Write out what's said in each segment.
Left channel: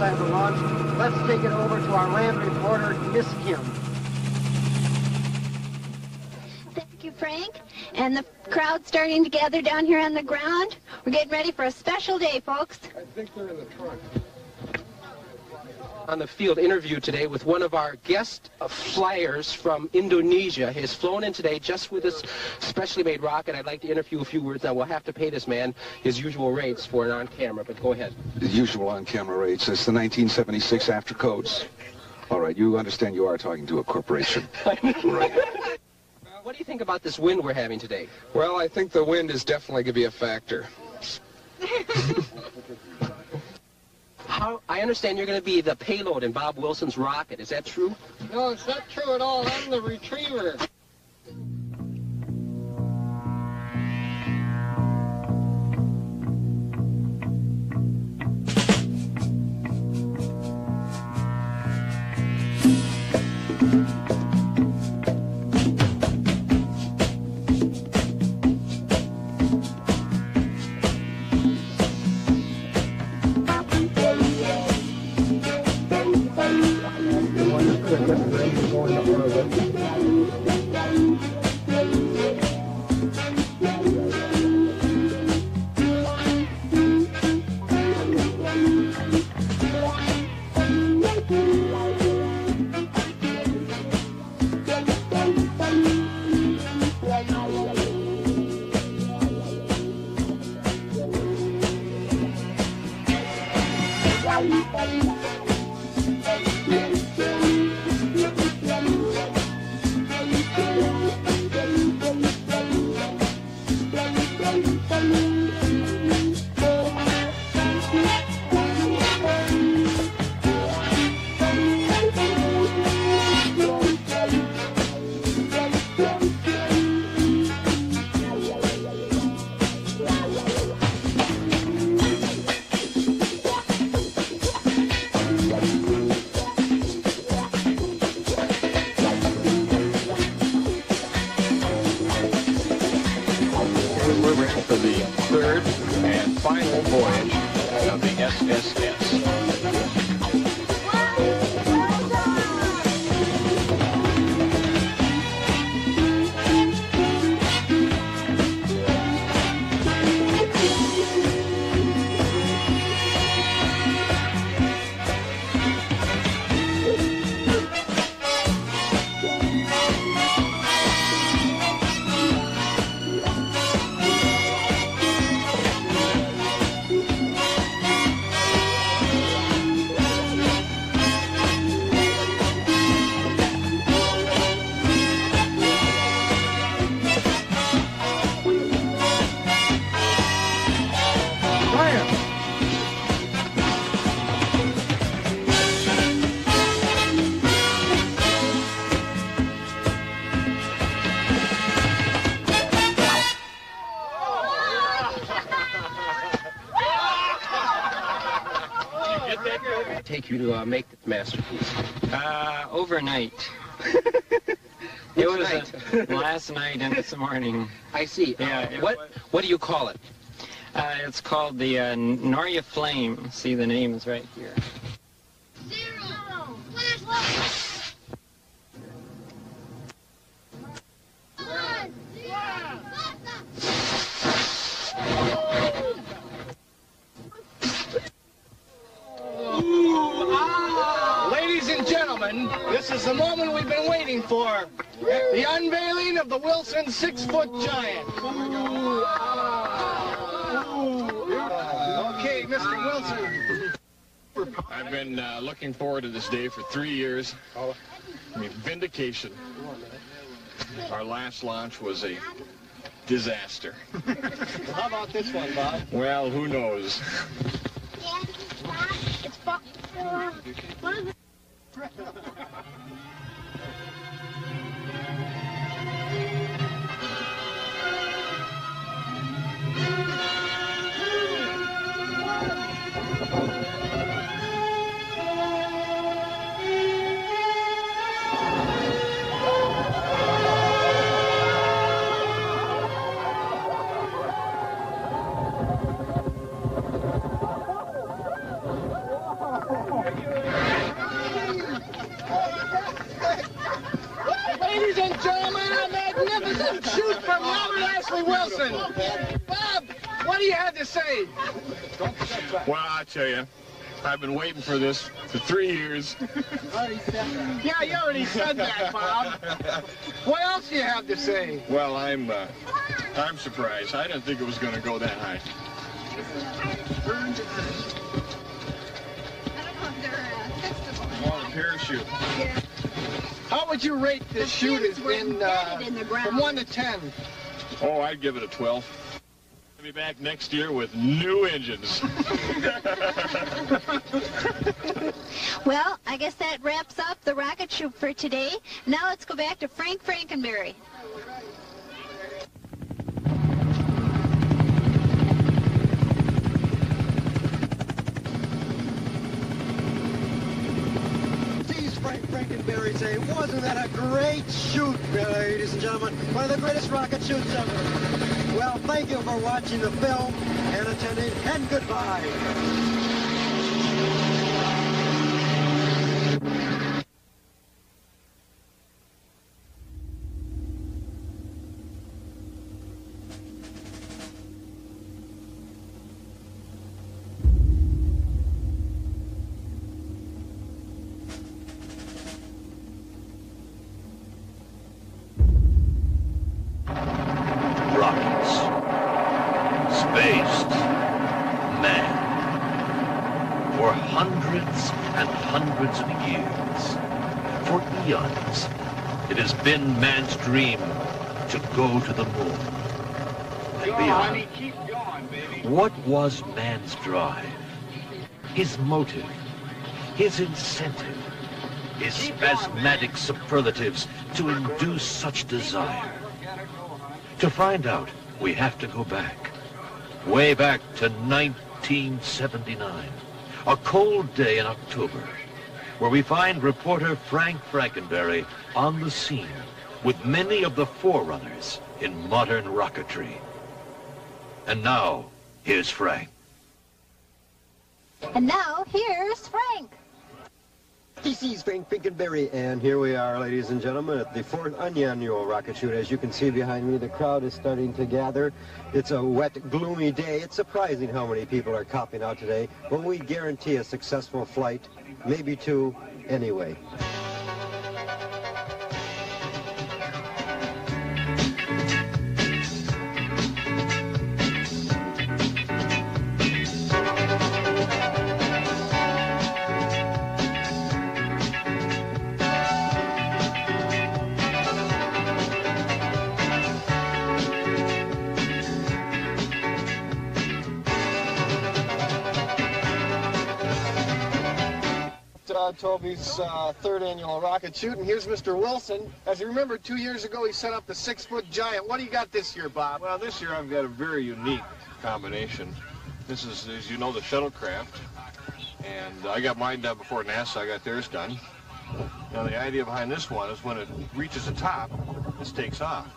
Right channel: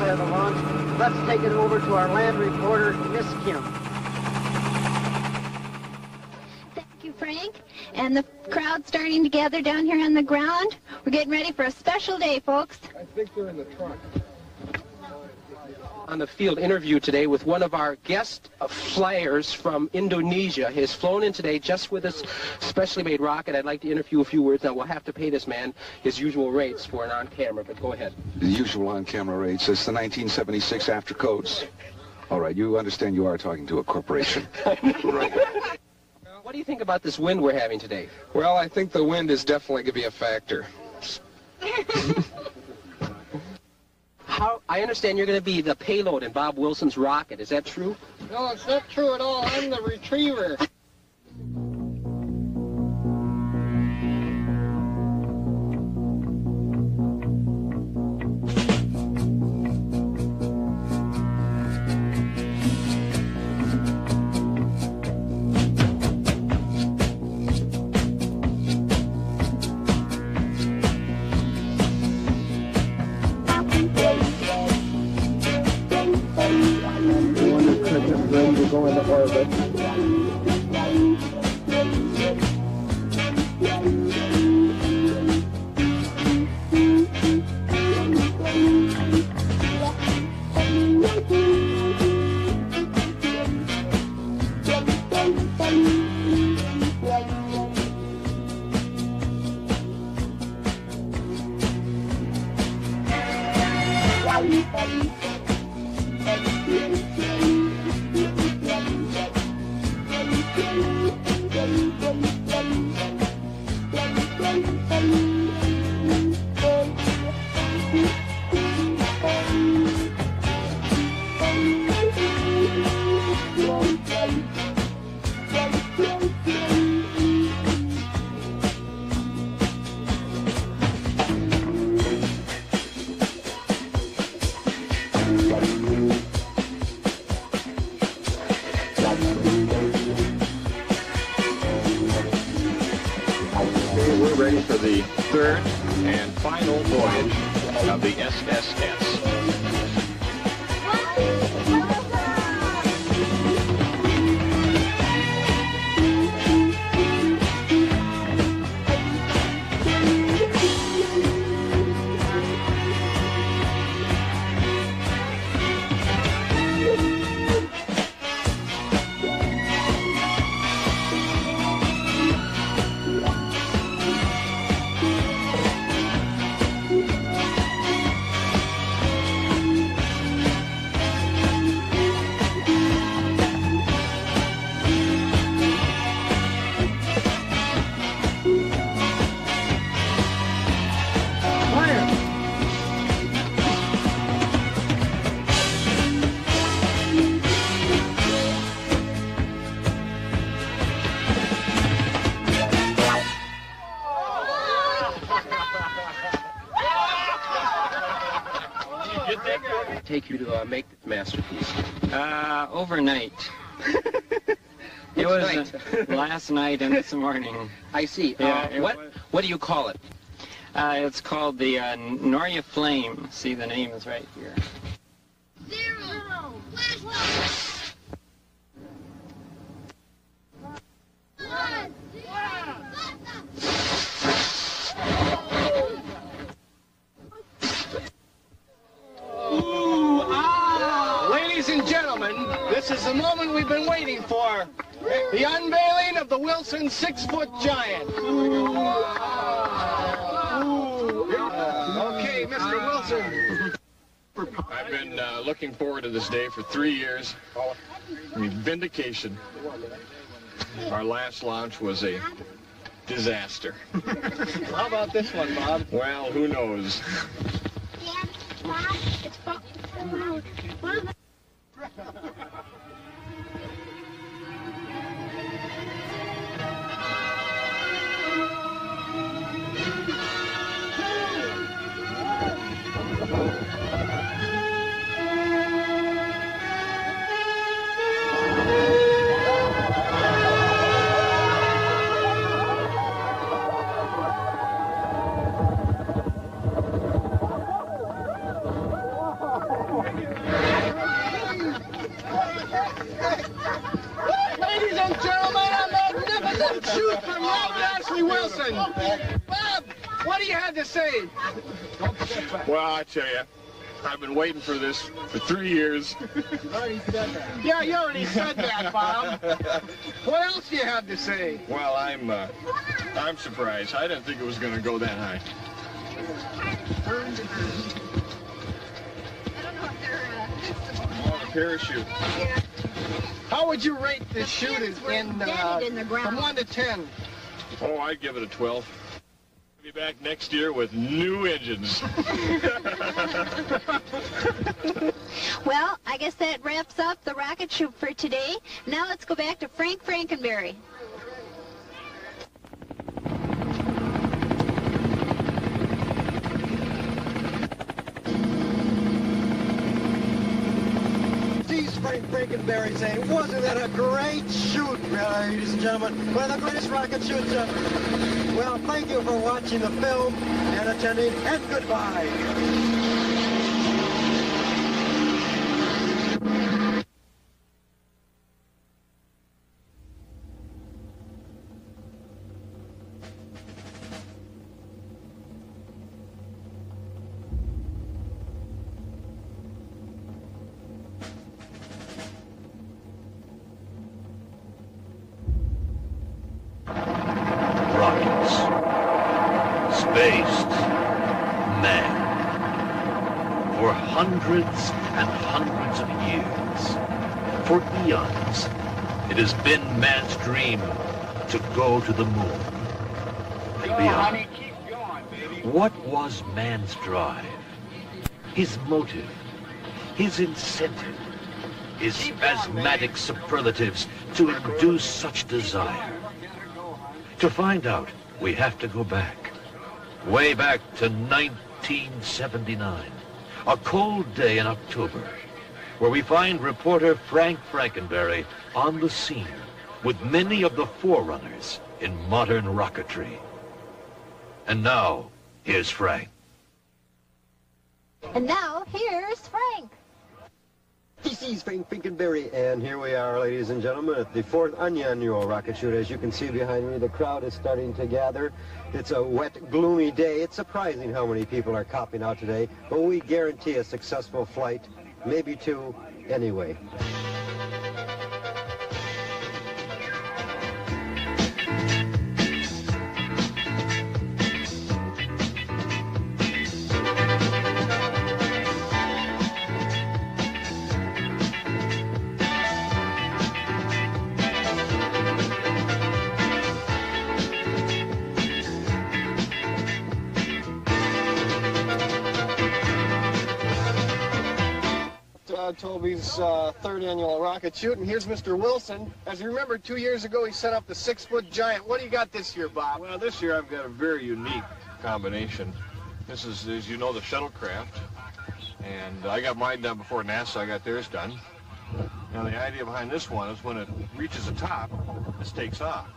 side of the launch. Let's take it over to our land reporter, Miss Kim. Thank you, Frank. And the crowd's starting to gather down here on the ground. We're getting ready for a special day, folks. I think they're in the trunk. On the field interview today with one of our guest flyers from Indonesia. He has flown in today just with this specially made rocket. I'd like to interview a few words. Now, we'll have to pay this man his usual rates for an on-camera, but go ahead. The usual on-camera rates. It's the 1976 after codes. All right, you understand you are talking to a corporation. Right. What do you think about this wind we're having today? Well, I think the wind is definitely going to be a factor. I understand you're going to be the payload in Bob Wilson's rocket. Is that true? No, it's not true at all. I'm the retriever. Take you to make this masterpiece? Overnight. It was last night and this morning. I see. Yeah, what do you call it? It's called the Noria Flame. See, the name is right here. 0. Flash. 1. 0. Ladies and gentlemen, this is the moment we've been waiting for. The unveiling of the Wilson 6-foot giant. Okay, Mr. Wilson. I've been looking forward to this day for 3 years. I mean, vindication. Our last launch was a disaster. How about this one, Bob? Well, who knows? Dad, Bob, it's Bob. What is it? and gentlemen, a magnificent shoot from Robert Ashley Wilson. Bob, what do you have to say? Well, I tell you, I've been waiting for this for 3 years. Yeah, you already said that, Bob. What else do you have to say? Well, I'm surprised. I didn't think it was going to go that high. Oh, the parachute. How would you rate this shoot in the ground. from 1 to 10? Oh, I'd give it a 12. I'll be back next year with new engines. Well, I guess that wraps up the rocket shoot for today. Now let's go back to Frank Frankenberry. Frank Frankenberry saying, wasn't that a great shoot, ladies and gentlemen? One of the greatest rocket shoots ever. Well, thank you for watching the film and attending, and goodbye. Based man. For hundreds and hundreds of years, for eons, it has been man's dream to go to the moon and beyond. Honey, keep going, baby. What was man's drive? His motive, his incentive, his spasmodic superlatives to induce such desire. To find out, we have to go back. Way back to 1979, a cold day in October, where we find reporter Frank Frankenberry on the scene with many of the forerunners in modern rocketry. And now, here's Frank. And now, here's Frank. This is Frank Frankenberry, and here we are, ladies and gentlemen, at the 4th annual rocket shoot. As you can see behind me, the crowd is starting to gather. It's a wet, gloomy day. It's surprising how many people are copping out today, but we guarantee a successful flight, maybe two, anyway. Toby's 3rd annual rocket shoot, and here's Mr. Wilson. As you remember, 2 years ago he set up the 6-foot giant. What do you got this year, Bob? Well, this year I've got a very unique combination. This is, as you know, the shuttlecraft, and I got mine done before NASA got theirs done. Now the idea behind this one is when it reaches the top, this takes off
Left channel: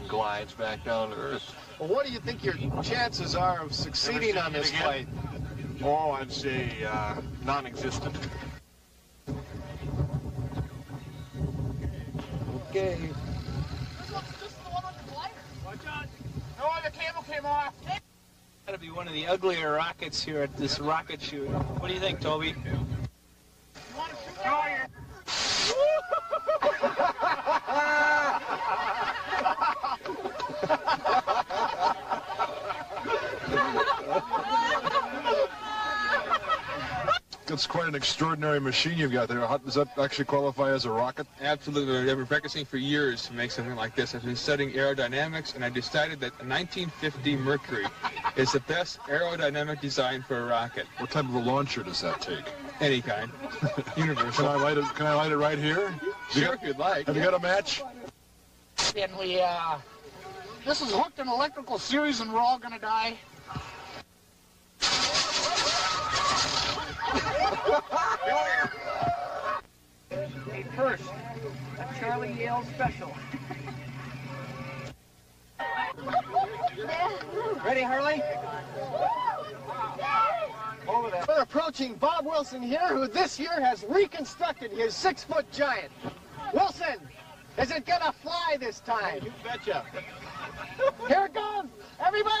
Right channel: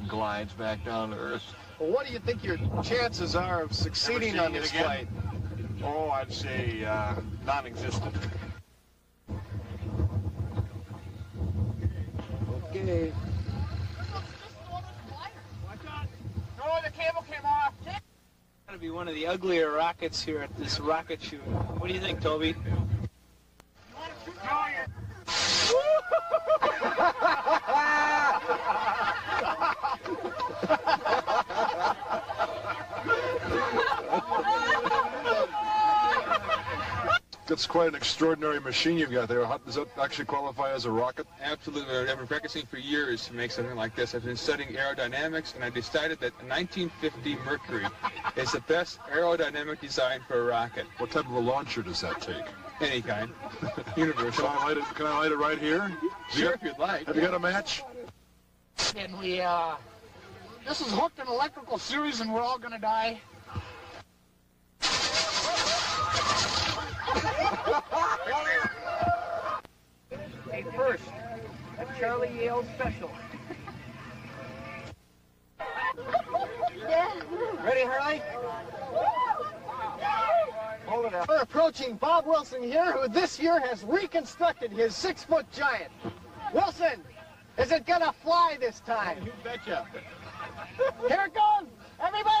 and glides back down to Earth. Well, what do you think your chances are of succeeding on this flight? Oh, I'd say non-existent. Okay. Watch out. No, the cable came off. Gotta be one of the uglier rockets here at this rocket shoot. What do you think, Toby? You want to shoot? No, That's quite an extraordinary machine you've got there. How, does that actually qualify as a rocket? Absolutely. I've been practicing for years to make something like this. I've been studying aerodynamics, and I decided that a 1950 Mercury is the best aerodynamic design for a rocket. What type of a launcher does that take? Any kind. Universal. Can I light it right here? Sure, if you'd like. Have you got a match? And this is hooked in electrical series, and we're all going to die. Hey, first, a Charlie Yale special. Ready, Harley? Hold it out. We're approaching Bob Wilson here, who this year has reconstructed his 6-foot giant. Wilson, Is it gonna fly this time? You betcha. Here it goes! Everybody!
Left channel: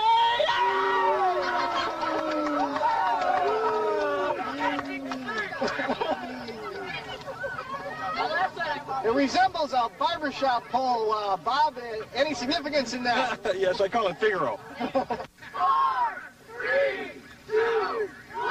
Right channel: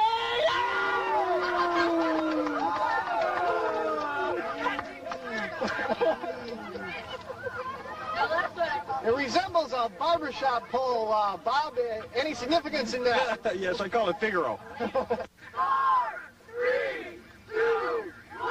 It resembles a barbershop pole, Bob. Any significance in that? Yes, I call it Figaro. 4, 3, 2, 1.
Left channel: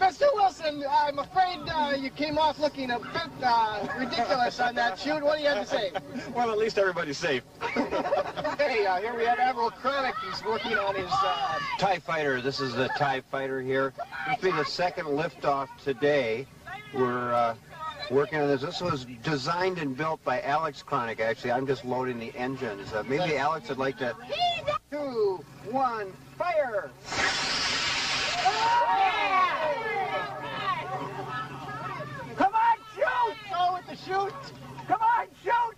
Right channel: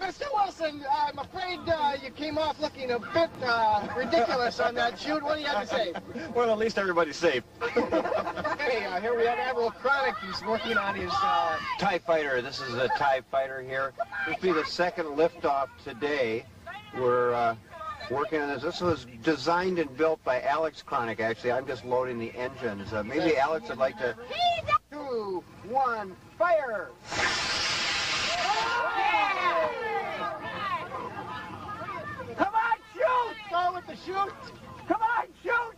Mr. Wilson, I'm afraid you came off looking a bit ridiculous on that shoot. What do you have to say? Well, at least everybody's safe. Hey, here we have Admiral Chronic. He's working on his... TIE Fighter. This is the TIE Fighter here. This will be the second liftoff today. We're working on this. This was designed and built by Alex Chronic, actually. I'm just loading the engines. Maybe Alex would like to... 2, 1, fire! Come on, shoot! Go with the shoot! Come on, shoot!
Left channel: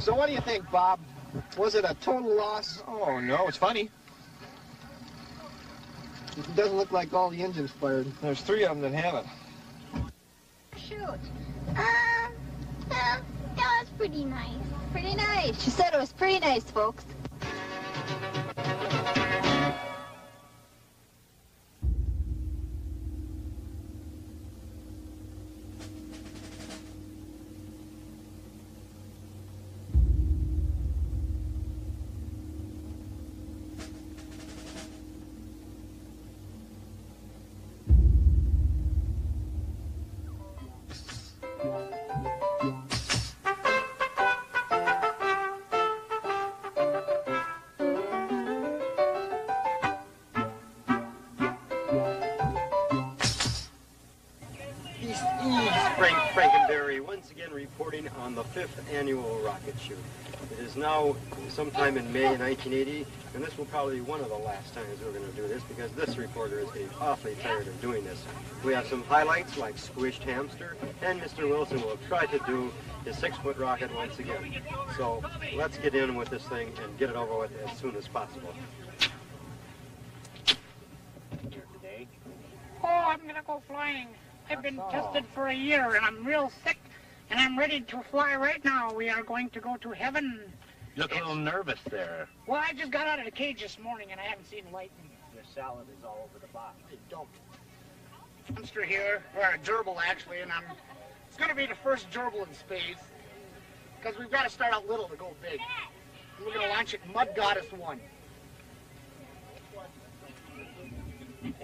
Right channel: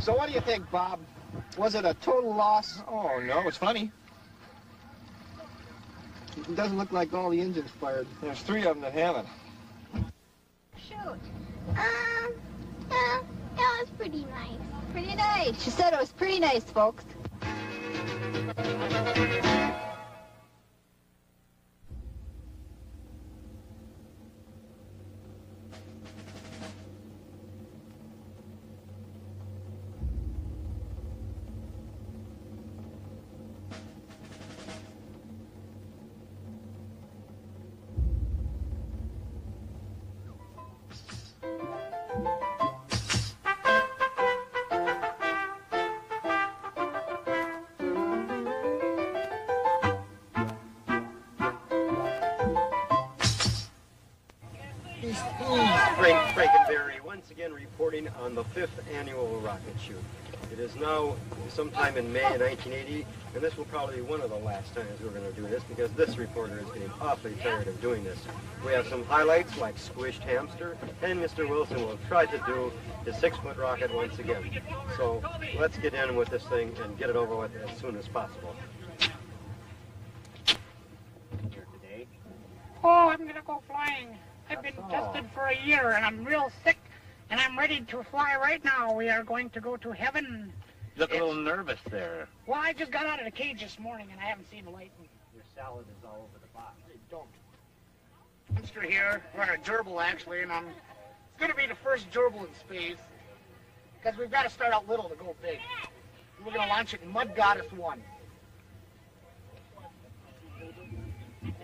So what do you think, Bob? Was it a total loss? Oh, no, it's funny. It doesn't look like all the engines fired. There's 3 of them that haven't. Shoot. Well, it was pretty nice. Pretty nice. She said it was pretty nice, folks. Frank Frankenberry once again reporting on the 5th annual rocket shoot. It is now sometime in May 1980, and this will probably be one of the last times we're going to do this because this reporter is getting awfully tired of doing this. We have some highlights like Squished Hamster, and Mr. Wilson will try to do his 6-foot rocket once again. So let's get in with this thing and get it over with as soon as possible. Here today. Oh, I'm going to go flying. I've been tested for a year, and I'm real sick, and I'm ready to fly right now. We are going to go to heaven. You look a little nervous there. Well, I just got out of the cage this morning, and I haven't seen light. Your salad is all over the box. Don't. Monster here, or a gerbil actually, and it's going to be the first gerbil in space, because we've got to start out little to go big. We're going to launch it in Mud Goddess 1.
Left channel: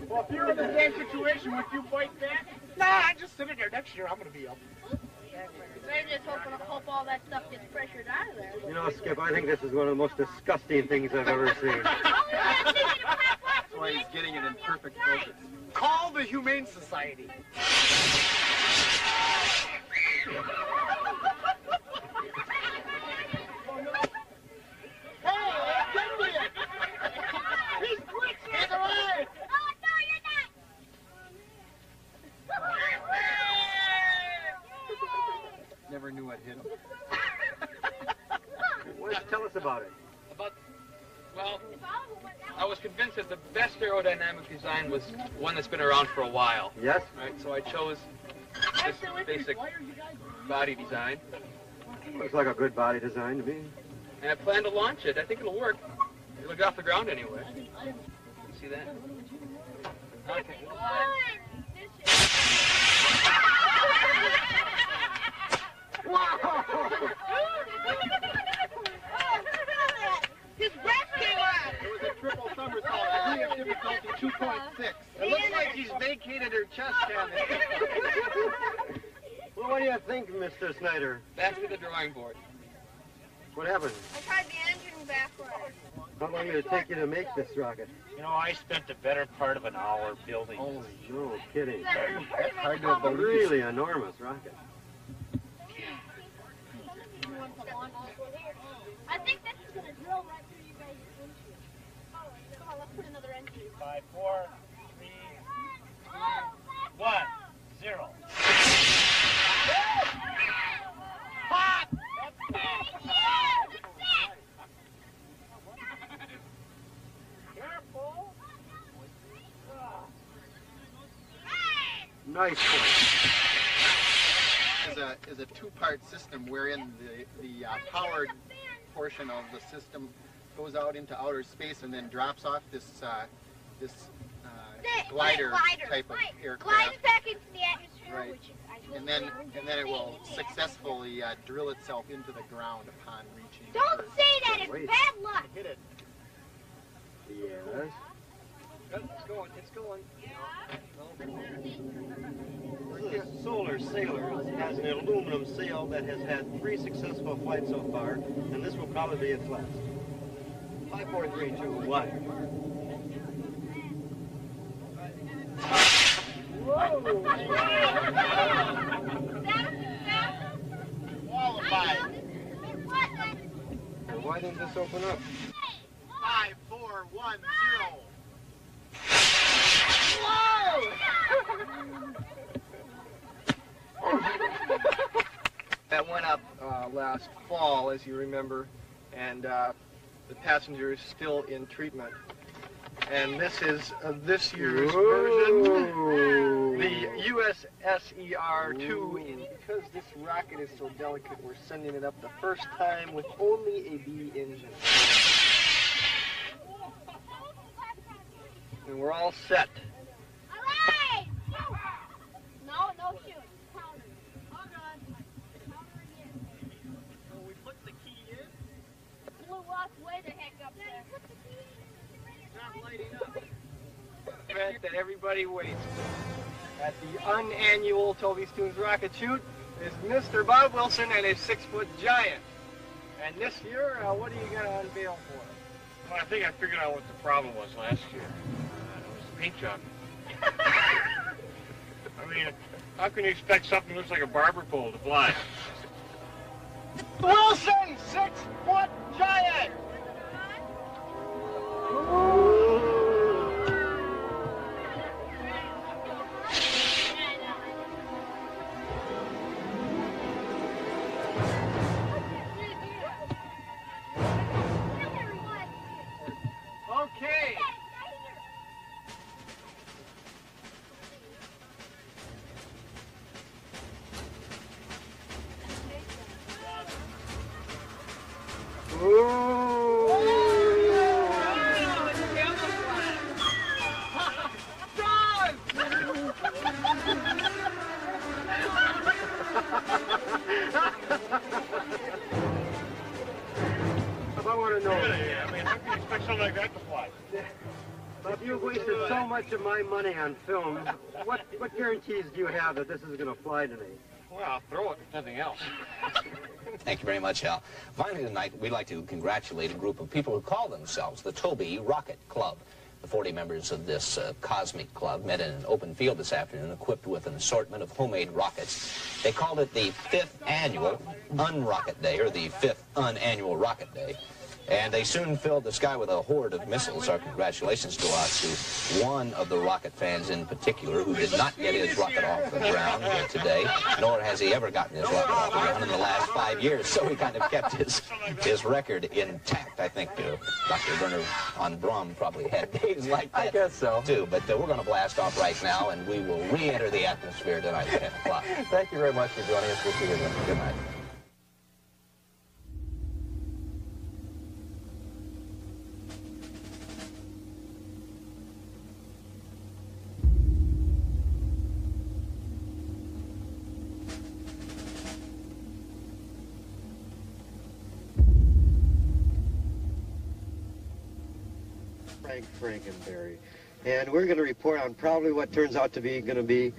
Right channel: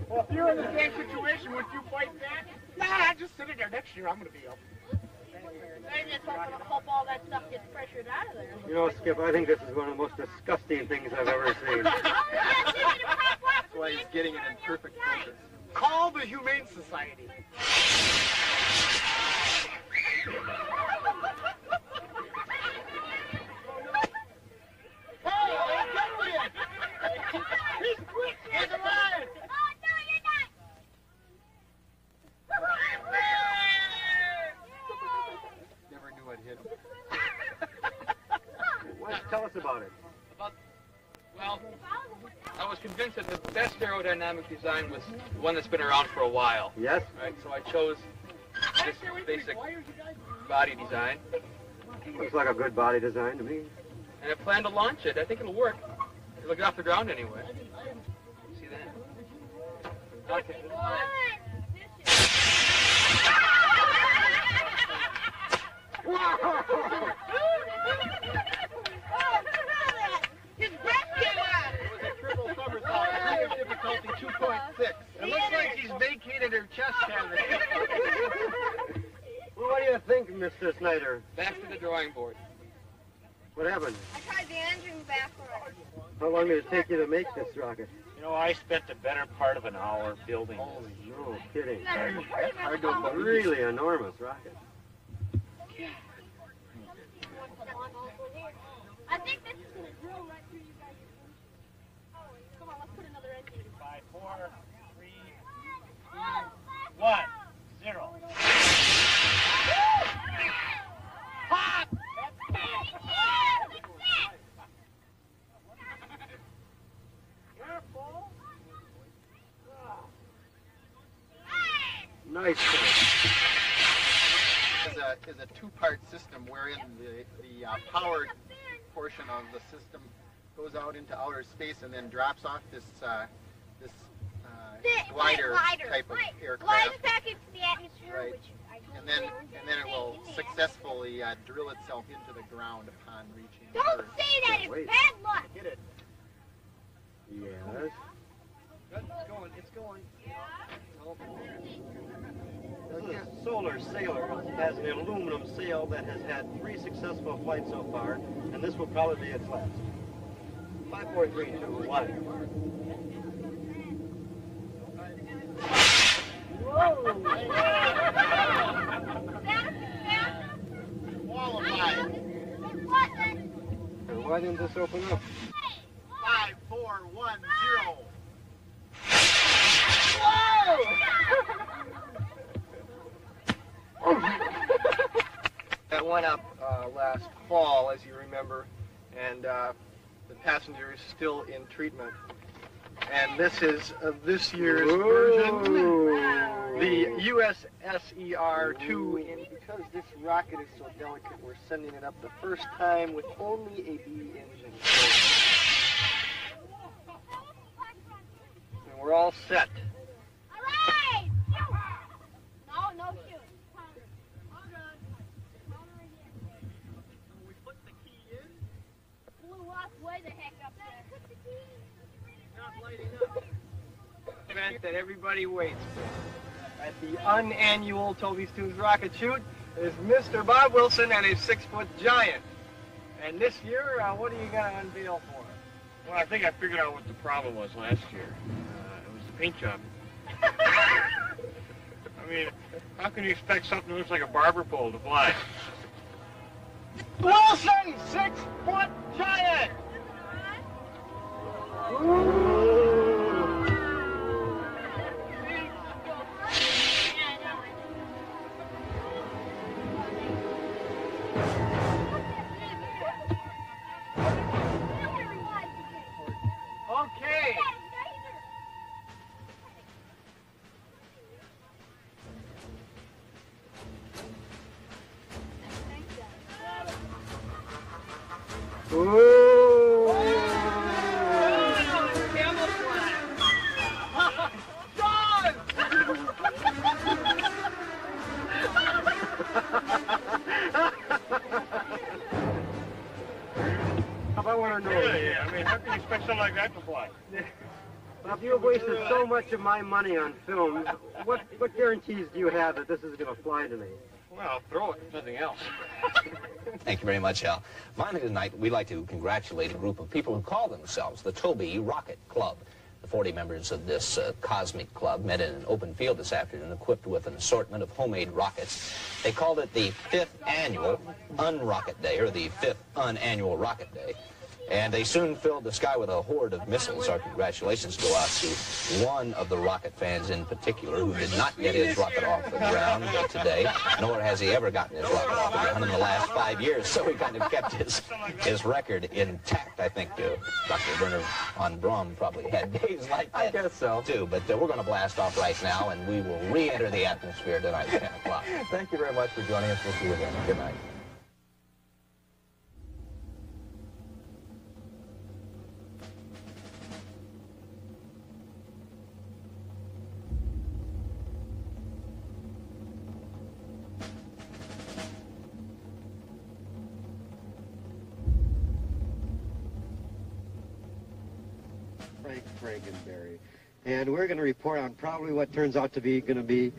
Well, if you're in the same situation, would you fight that? Nah, I just sit in there next year. I'm going to be up. Maybe it's hope all that stuff gets pressured out of there. You know, Skip, I think this is one of the most disgusting things I've ever seen. That's why he's getting it in perfect focus. Call the Humane Society. He's alive! Oh, no, you're not! Never knew I'd hit him. Why don't you tell us about it? Well, I was convinced that the best aerodynamic design was one that's been around for a while. Yes? Right, so I chose this basic body design. Looks like a good body design to me. And I plan to launch it. I think it'll work. It'll get off the ground anyway. See that? Okay. His breath came out! It was a triple somersault, degree of difficulty 2.6. It looks like he's vacated her chest cavity. Well, what do you think, Mr. Snyder? Back to the drawing board. What happened? I tried the engine backwards. How long did it take you to make this rocket? You know, I spent the better part of an hour building Oh, no kidding. That's hard to believe. Really enormous rocket. I think this is going to drill right through you guys' windshield. Come on, let's put another engine. 5, 4, 3, 2, 1, 0. Pop! Careful! Nice point. Is a two-part system wherein the powered portion of the system goes out into outer space and then drops off this glider type of aircraft. Glides back into the atmosphere, Right. which I And then it will successfully drill itself into the ground upon reaching Don't Earth. say that, it's bad luck. Hit it. Yes. It's going. It's going. This Solar Sailor has an aluminum sail that has had 3 successful flights so far, and this will probably be its last. 5, 4, 3, 2, 1. Whoa! Qualified. Why didn't this open up? 5, 4, 1, 0. That went up last fall, as you remember, and the passenger is still in treatment. And this is this year's version, the USSER-2. And because this rocket is so delicate, we're sending it up the first time with only a B engine. And we're all set. No shoot. Counter. Hold on. Counter again. So we put the key in. Blew us way the heck up there. Not lighting up. Event that everybody waits for. At the unannual Toby's Tunes rocket shoot is Mr. Bob Wilson and his 6-foot giant. And this year, what are you going to unveil for us? Well, I think I figured out what the problem was last year. It was the paint job. I mean, how can you expect something that looks like a barber pole to fly? Wilson, 6-foot giant! Okay. I want to know. Yeah, I mean, how can you expect something like that to fly? Bob, you've wasted so much of my money on film. What guarantees do you have that this is going to fly tonight? Well, I'll throw it, if nothing else. Thank you very much, Al. Finally tonight, we'd like to congratulate a group of people who call themselves the Toby Rocket Club. The 40 members of this cosmic club met in an open field this afternoon equipped with an assortment of homemade rockets. They called it the 5th annual Un-Rocket Day, or the 5th Un-Annual Rocket Day. And they soon filled the sky with a horde of missiles. Our congratulations go out to one of the rocket fans in particular who did not get his rocket off the ground today, nor has he ever gotten his rocket off the ground in the last 5 years. So he kind of kept his record intact. I think Dr. Werner von Braun probably had days like that. I guess so. Too. But we're going to blast off right now, and we will re-enter the atmosphere tonight at 10 o'clock. Thank you very much for joining us. We'll see you then. Good night. Frank and Barry. And we're going to report on probably what turns out to be going to be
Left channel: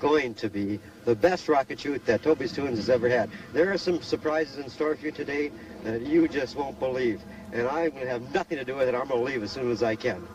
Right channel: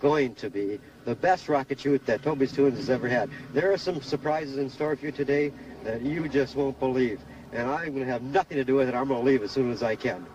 the best rocket shoot that Toby's Tunes has ever had. There are some surprises in store for you today that you just won't believe. and I'm going to have nothing to do with it. I'm going to leave as soon as I can.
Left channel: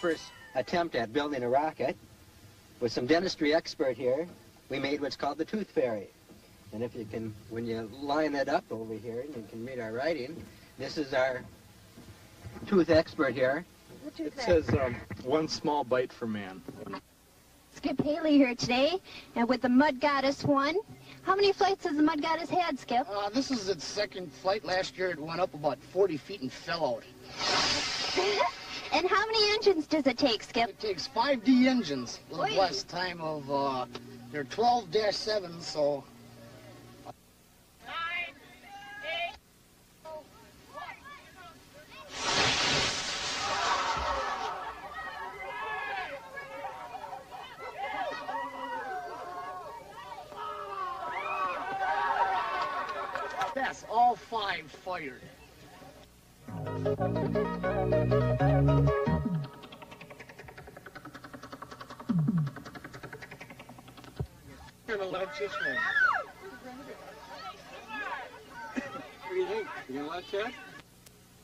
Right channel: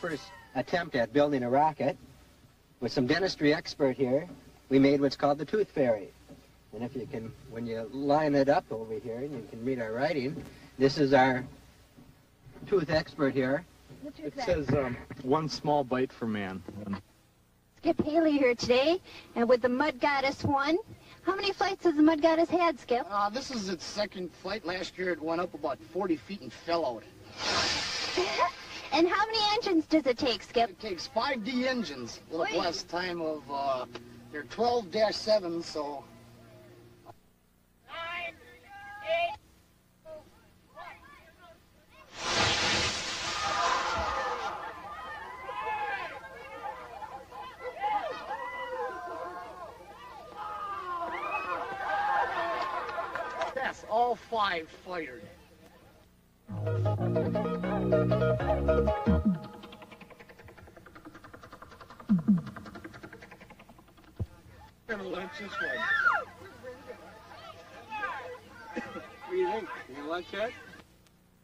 First attempt at building a rocket. With some dentistry expert here, we made what's called the tooth fairy. And if you can, when you line it up over here, and you can read our writing, this is our tooth expert here. It says one small bite for man. Skip Haley here today, and with the Mud Goddess 1. How many flights has the Mud Goddess had, Skip? This is its second flight. Last year it went up about 40 feet and fell out. And how many engines does it take, Skip? It takes 5D engines with a blast time of, they're 12-7, so... 9, 8, 1. That's all 5 fired. I'm gonna launch this one. What do you think? You gonna launch that?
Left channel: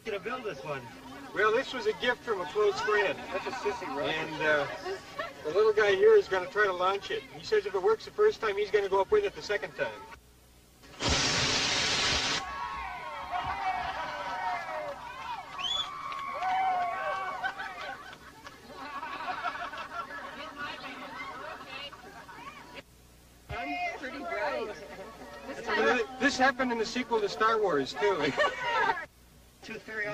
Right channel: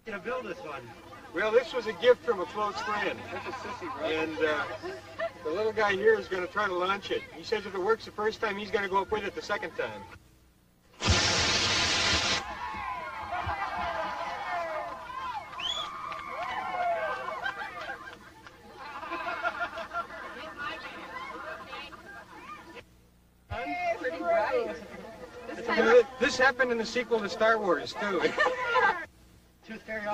Gonna build this one. Well, this was a gift from a close friend. That's a sissy rocket. And the little guy here is going to try to launch it. He says if it works the first time, he's going to go up with it the second time. I'm pretty bright. This happened in the sequel to Star Wars, too.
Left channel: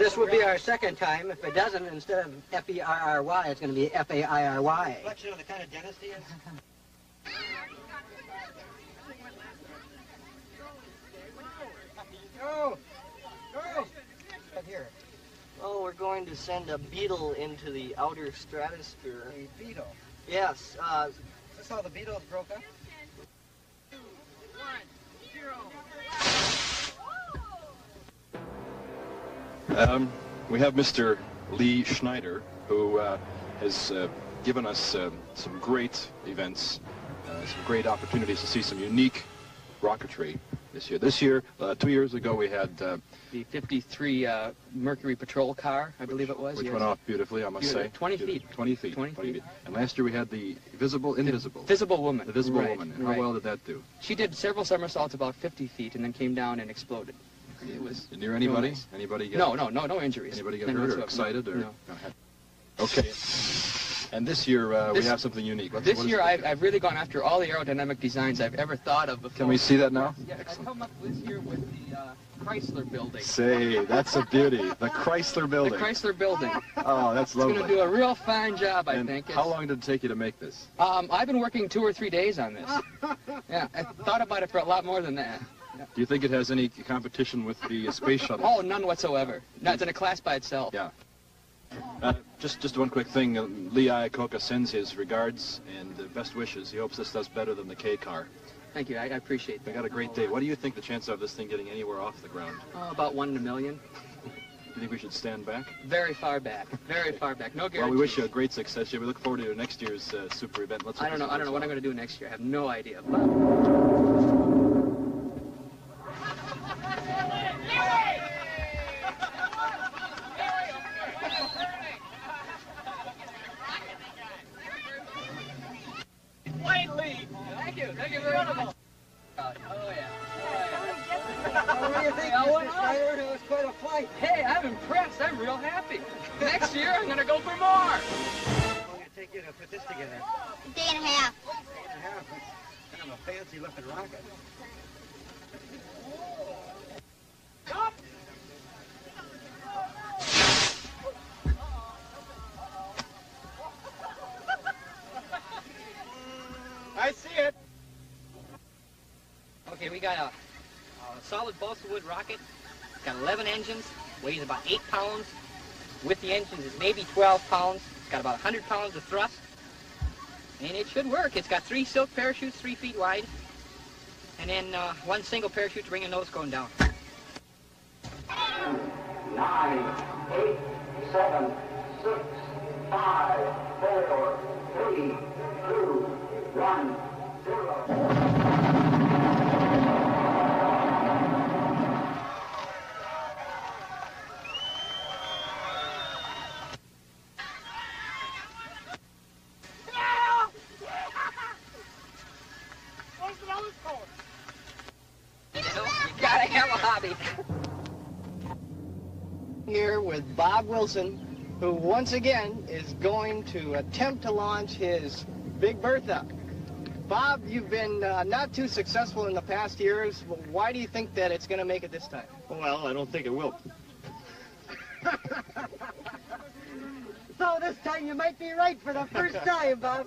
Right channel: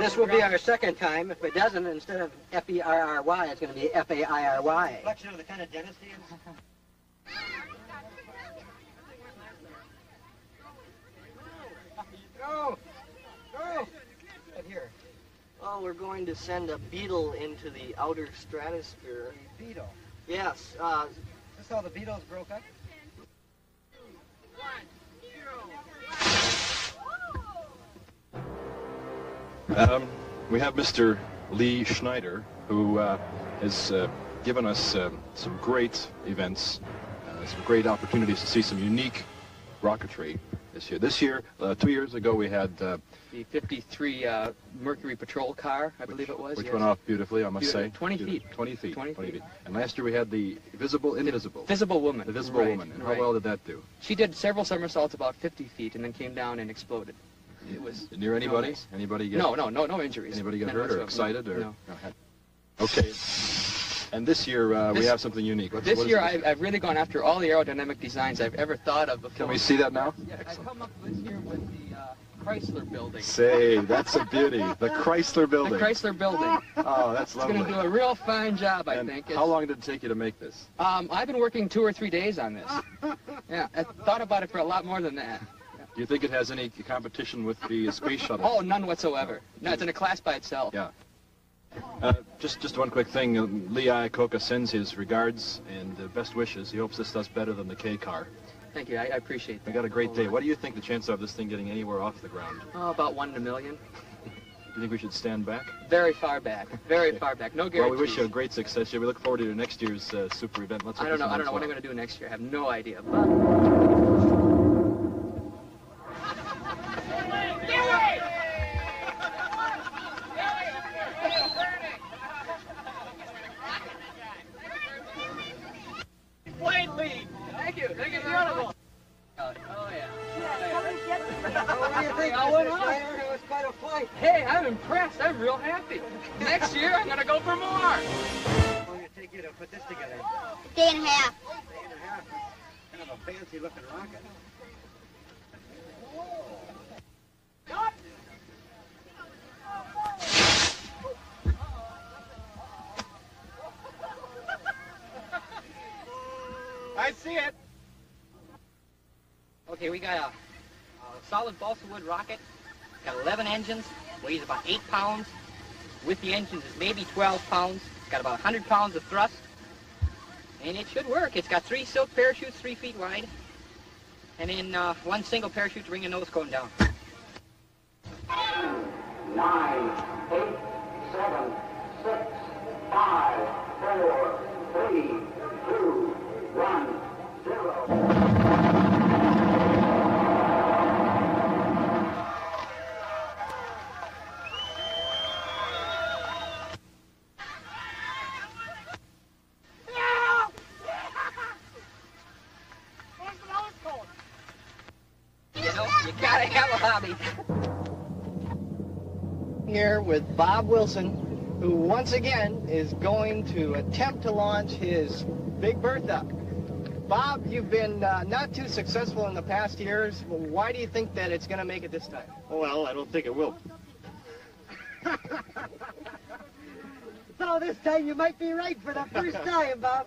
This will be our second time. If it doesn't, instead of F-E-R-R-Y, it's going to be F-A-I-R-Y. Reflection of the kind of dentist he is. Go! Go! Here. Oh, we're going to send a beetle into the outer stratosphere. A beetle? Yes. Is this how the Beatles broke up? 2, 1, 0. We have Mr. Lee Schneider, who has given us some great events, some great opportunities to see some unique rocketry this year. This year, 2 years ago, we had the 53 Mercury Patrol car, I believe it was. which yes. went off beautifully, I must say. 20 feet. 20 feet. 20 feet. And last year we had the Visible Invisible. Visible Woman. The Visible Right, Woman. And right. how well did that do? She did several somersaults about 50 feet and then came down and exploded. It was near anybody? Nice. Anybody get No injuries. Anybody get None hurt or whatsoever. excited? Or No. Okay. And this year we have something unique. This year I've really gone after all the aerodynamic designs I've ever thought of before. Can we see that now? Yes, I've come up this year with the Chrysler building. Say, that's a beauty. The Chrysler building. The Chrysler building. Oh, that's lovely. It's going to do a real fine job, I think. How long did it take you to make this? I've been working 2 or 3 days on this. Yeah, I thought about it for a lot more than that. Yeah. Do you think it has any competition with the space shuttle? Oh, none whatsoever. No, it's in a class by itself. Yeah. Just one quick thing. Lee Iacocca sends his regards and best wishes. He hopes this does better than the K car. Thank you. I appreciate that. We got a great day. What do you think the chance of this thing getting anywhere off the ground? Oh, about 1 in a million. Do you think we should stand back? Very far back. Very far back. No guarantees. Well, we wish you a great success. We look forward to your next year's super event. Let's I don't know what I'm going to do next year. I have no idea. Thank you very much. Oh, yeah. What do you think, Mr. Schneider? It was quite a flight. Hey, I'm impressed. I'm real happy. Next year, I'm going to go for more. How long did it take you to put this together? A day and a half. Day and a half. That's kind of a fancy-looking rocket. I see it. Okay, we got a solid balsa wood rocket. It's got 11 engines, weighs about 8 pounds. With the engines, it's maybe 12 pounds. It's got about 100 pounds of thrust. And it should work. It's got 3 silk parachutes, 3 feet wide. And then 1 single parachute to bring a nose cone down. 9, 8, 7, 6, 5, 4, 3, 2, 1, 0. You gotta have a hobby. Here with Bob Wilson, who once again is going to attempt to launch his Big Bertha. Bob, you've been not too successful in the past years. Why do you think that it's going to make it this time? Well, I don't think it will. So this time you might be right for the first time, Bob.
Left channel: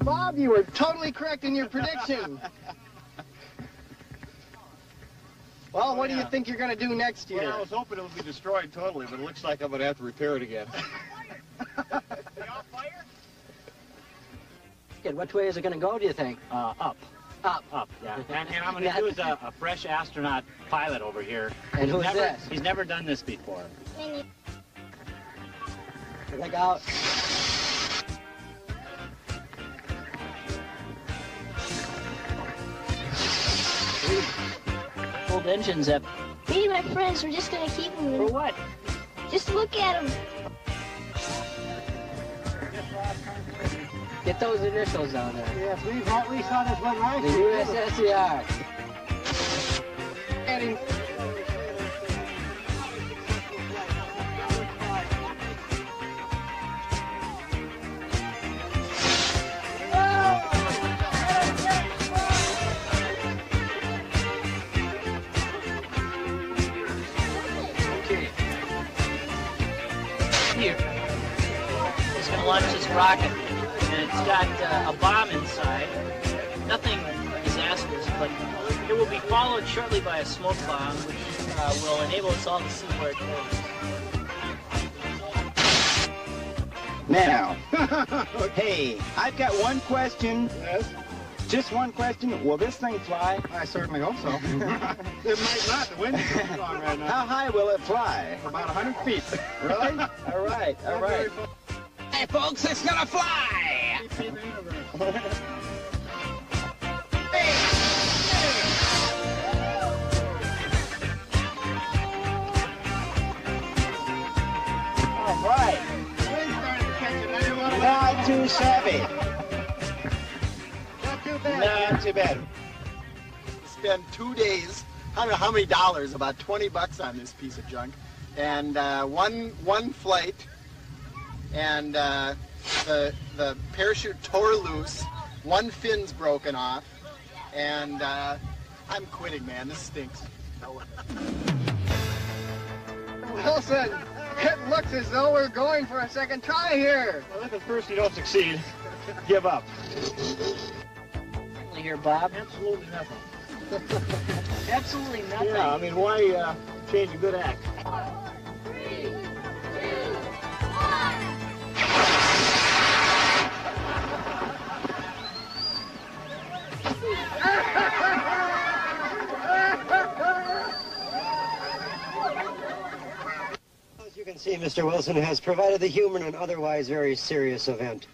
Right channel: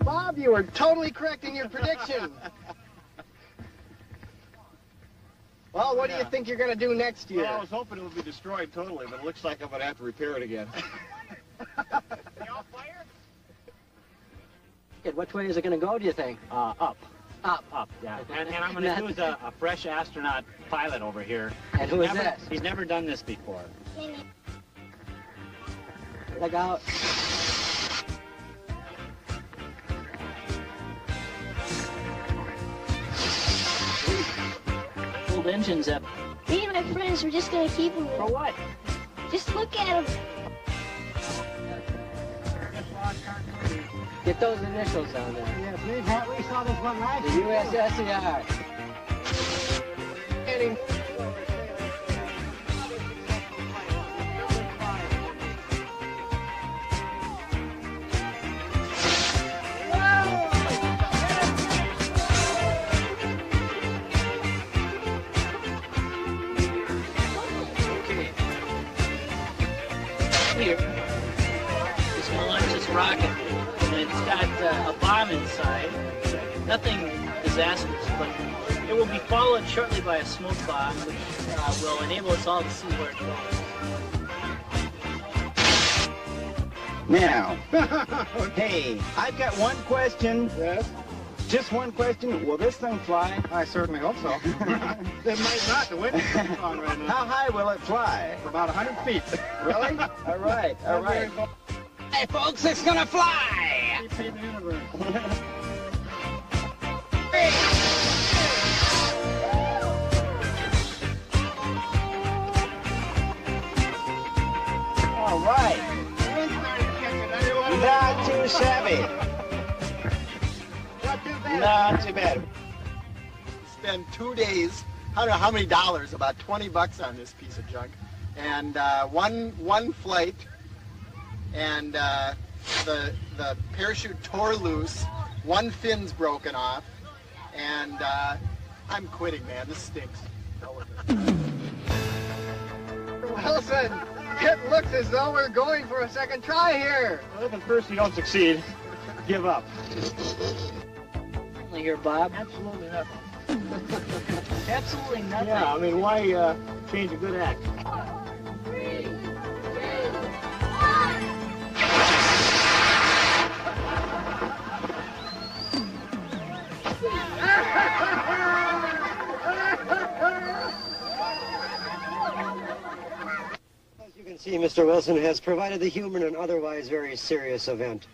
Bob, you were totally correct in your prediction. Well, what do you think you're going to do next year? Well, I was hoping it would be destroyed totally, but it looks like I'm going to have to repair it again. They all fire? Which way is it going to go, do you think? Up. Up. Up, yeah. And I'm going to use a fresh astronaut pilot over here. And who is never, this? He's never done this before. Look out. Old engines up. Me and my friends, we're just going to keep them. For what? Just look at them. Get those initials down there. Yes, we saw this one last The year. USSR. Heading. Here. He's going to launch this rocket, and it's got a bomb inside. Nothing disastrous, but it will be followed shortly by a smoke bomb, which will enable us all to see where it goes. Now, hey, I've got one question. Yes? Just one question. Will this thing fly? I certainly hope so. It might not. The wind is too strong right now. How high will it fly? About 100 feet. Really? All right, all right. Hey, folks, it's gonna fly! All right. Not too shabby. Not too bad. Not too bad. Spend 2 days, I don't know how many dollars, about $20 on this piece of junk, and one flight, and the parachute tore loose, one fin's broken off, and I'm quitting, man. This stinks. Hell with it. Wilson, it looks as though we're going for a second try here. Well, if at first you don't succeed, give up. Here, Bob. Absolutely nothing. Absolutely nothing. Yeah, I mean, why change a good act? can see, Mr. Wilson has provided the humor in an otherwise very serious event.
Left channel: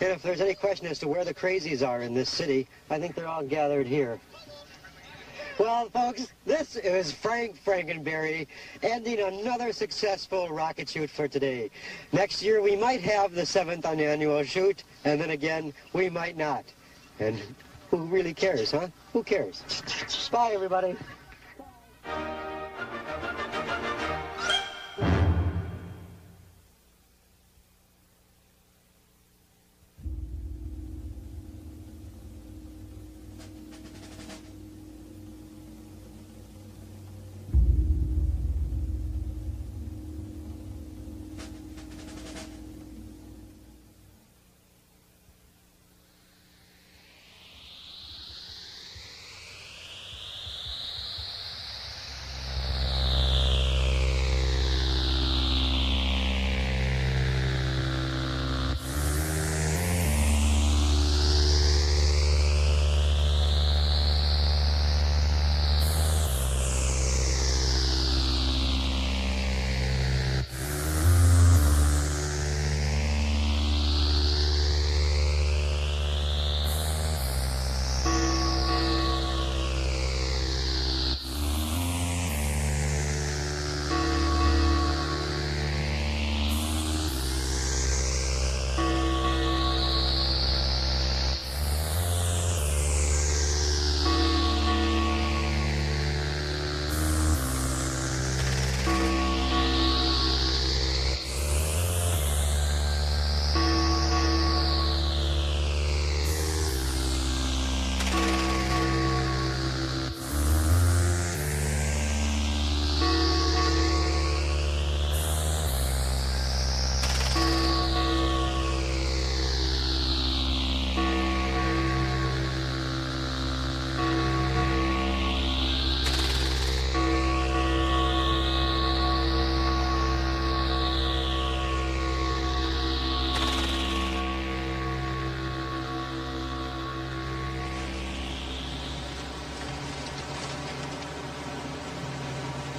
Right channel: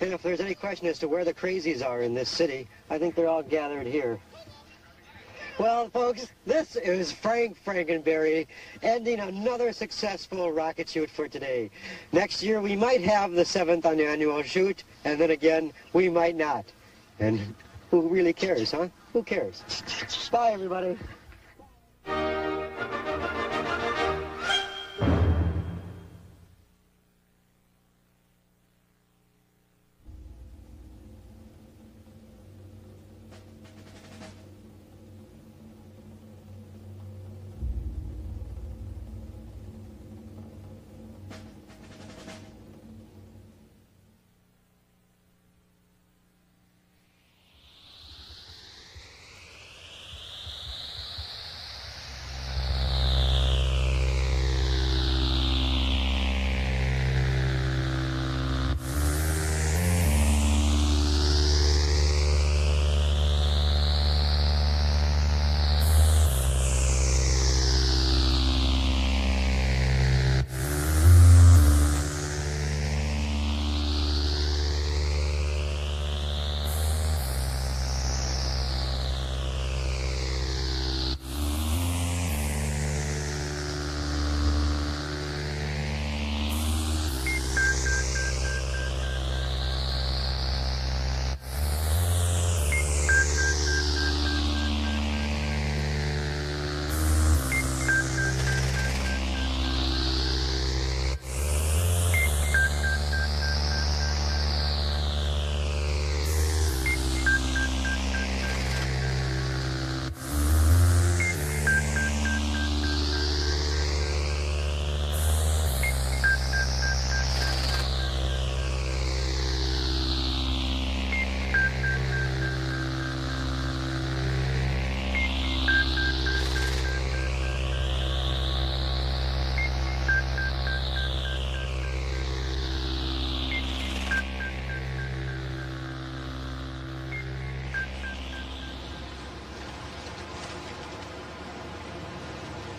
And if there's any question as to where the crazies are in this city, I think they're all gathered here. Well, folks, this is Frank Frankenberry ending another successful rocket shoot for today. Next year, we might have the 7th annual shoot, and then again, we might not. And who really cares, huh? Who cares? Bye, everybody.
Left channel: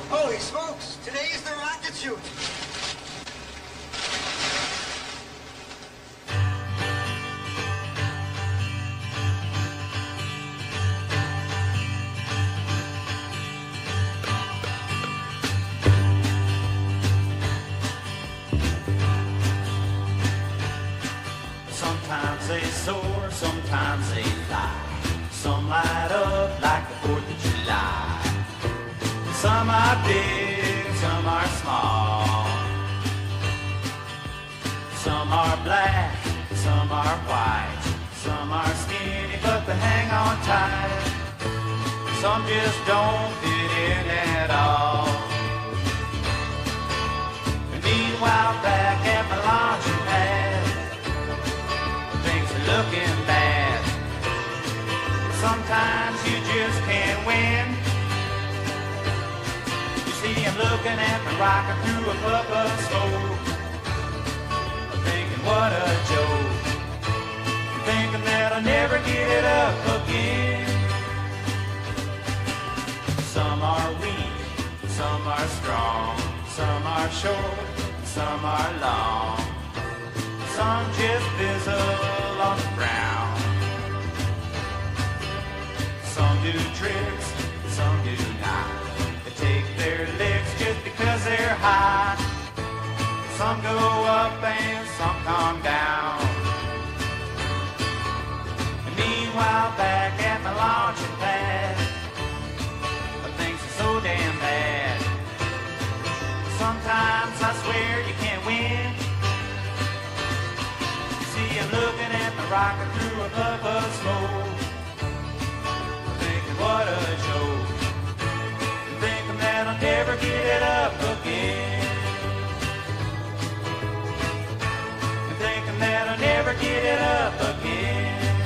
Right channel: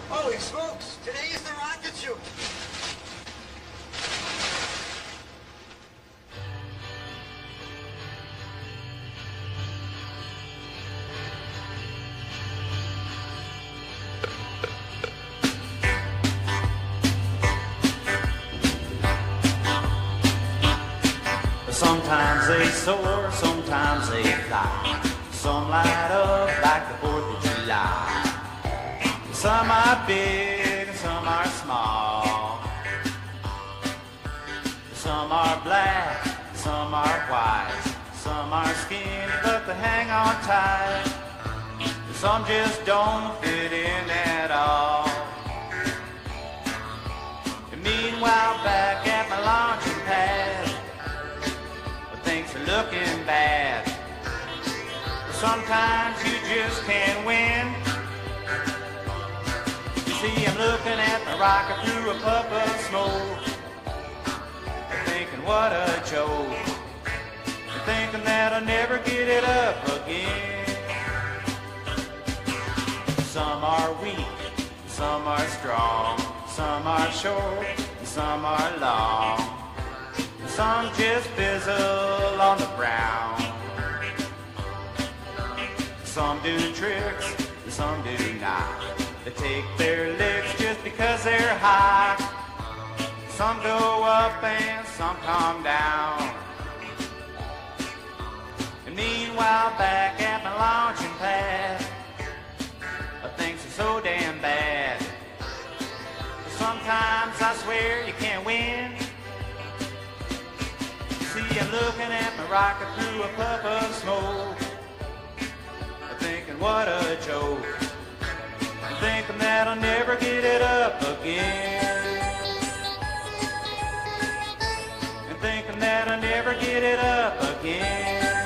Holy smokes, today's the rocket shoot. Sometimes they soar, sometimes they fly. Some light up like the 4th of July. Some are big, some are small. Some are black, some are white. Some are skinny, but they hang on tight. Some just don't fit in at all. And meanwhile, back at my launching pad, things are looking bad. Sometimes you just can't win. See, I'm looking at my rocket through a puff of smoke, thinking what a joke, thinking that I'll never get it up again. Some are weak, some are strong, some are short, some are long. Some just fizzle on the ground. Some do tricks, some do not. They take their licks just because they're hot. Some go up and some come down. And meanwhile, back at my launching pad, things are so damn bad. Sometimes I swear you can't win. See, I'm looking at my rocket through a puff of smoke, thinking what a joke. Thinking that I'll never get it up again. And thinking that I'll never get it up again.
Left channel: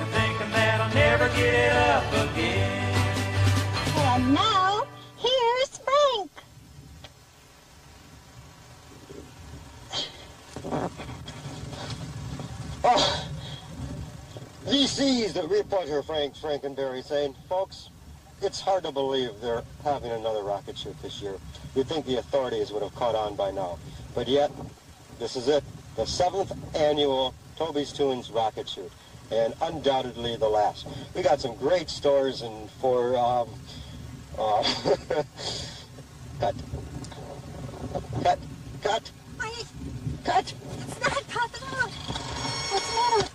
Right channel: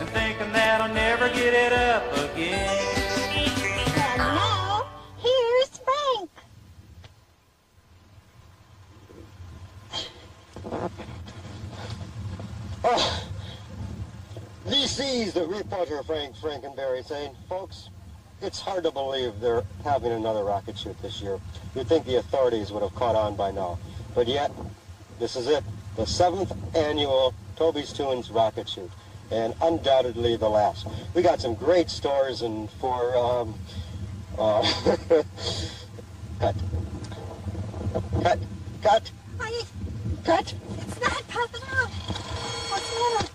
And thinking that I'll never get it up again. And now, here's Frank. This is the reporter Frank Frankenberry saying, folks, it's hard to believe they're having another rocket shoot this year. You'd think the authorities would have caught on by now. But yet, this is it, the 7th annual Toby's Tunes rocket shoot, and undoubtedly the last. We got some great stores and for, cut. It's not popping out. What's the matter?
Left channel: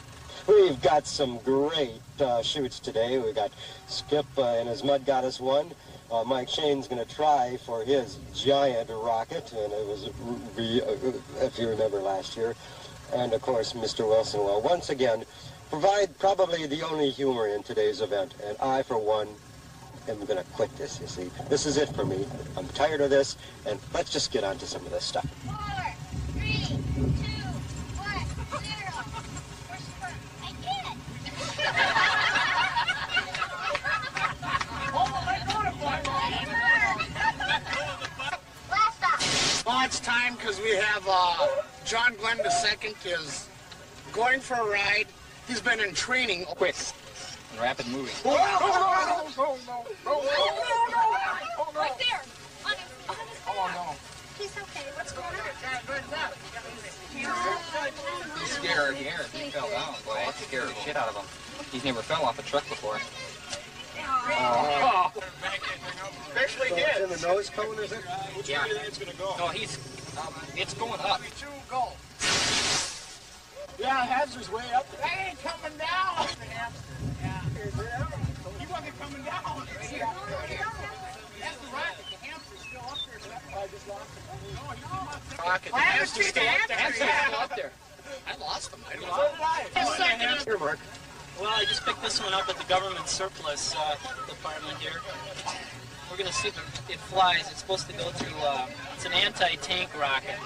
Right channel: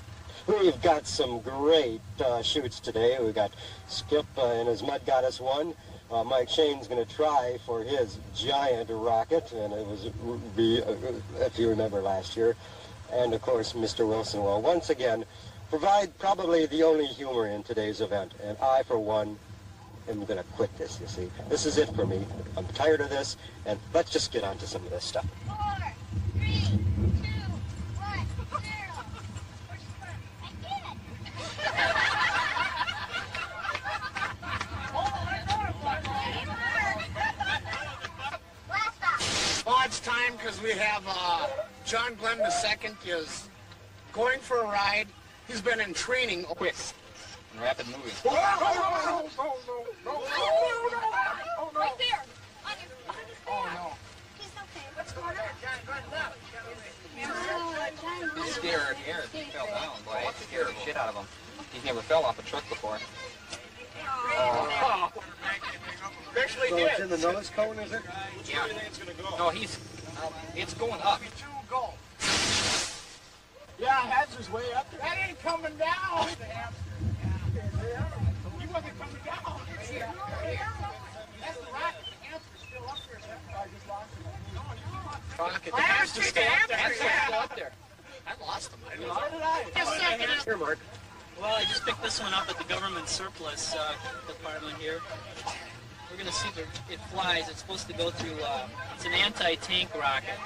We've got some great shoots today. We've got Skip and his Mud Goddess 1. Mike Shane's going to try for his giant rocket, and it was, if you remember last year. And, of course, Mr. Wilson will once again provide probably the only humor in today's event. And I, for one, am going to quit this, you see. This is it for me. I'm tired of this, and let's just get on to some of this stuff. 4, 3, 2, 1, 0. I did it! Well, it's time because we have John Glenn II is going for a ride. He's been in training. Quick and rapid moving. No. Right there. Oh, no. He's okay. What's going on? He's scared. He fell down. Boy, that scared the shit out of him. He's never fell off a truck before. Oh. Especially So it's in the nose cone, is it? Yeah. No, he's, it's going up. Go. Yeah, Hazard's way up there. That ain't coming down. He wasn't coming down. That's the rocket. The hamster's still up there. I just lost him. Rocket. The hamster's still up there. The hamster's still up there. I lost him. Here, Mark. Well, I just picked this one up at the government surplus department here. We're going to see if it flies. It's supposed to go to, it's an anti-tank rocket,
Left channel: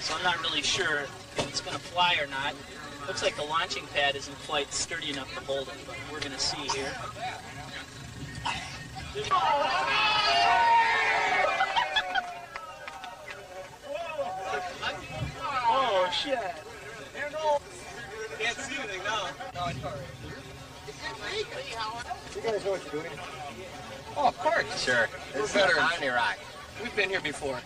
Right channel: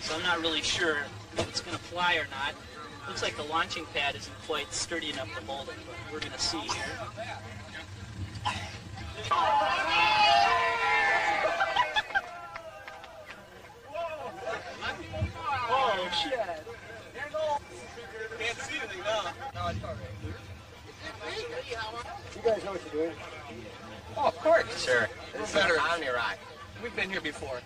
so I'm not really sure if it's going to fly or not. Looks like the launching pad isn't quite sturdy enough to hold it, but we're going to see here. Oh, shit. Can't see anything now. No, it's all right. You guys know what you're doing? Oh, of course. Sure. We're This is veterans. OmniRock. We've been here before.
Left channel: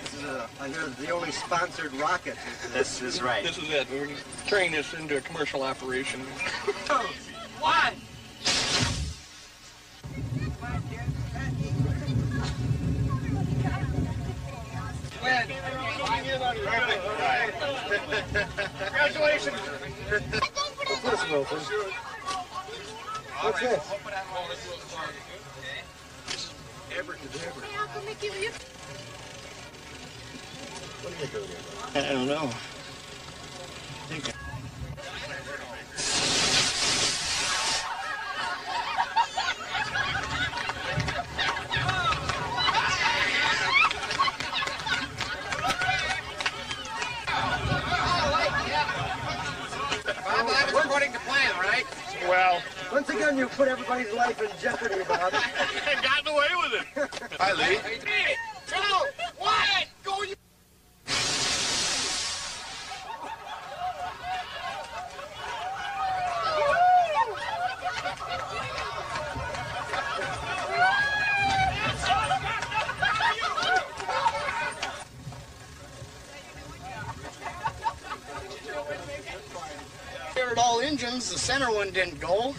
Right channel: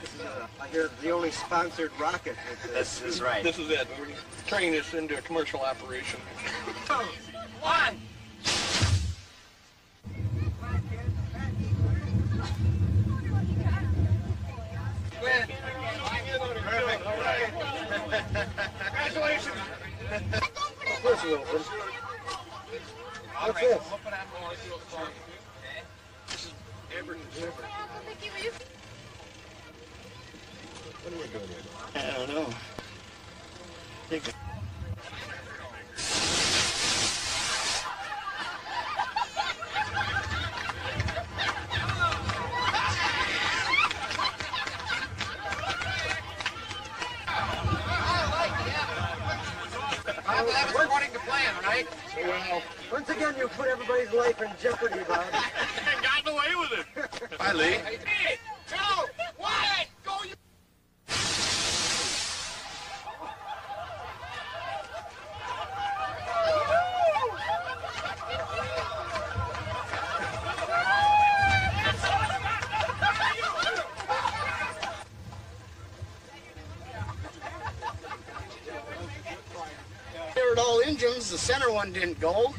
This is I hear the only sponsored rocket. This is right. This is it. We're turning this into a commercial operation. 2, 1. Congratulations. What's this, Wilson? What's this? What are you doing here? I don't know. Bob, that was according to plan, right? Well, once again, you put everybody's life in jeopardy, Bob. And gotten away with it. Hi, Lee. 3, 2, 1. Go, you. All engines, the center one didn't go,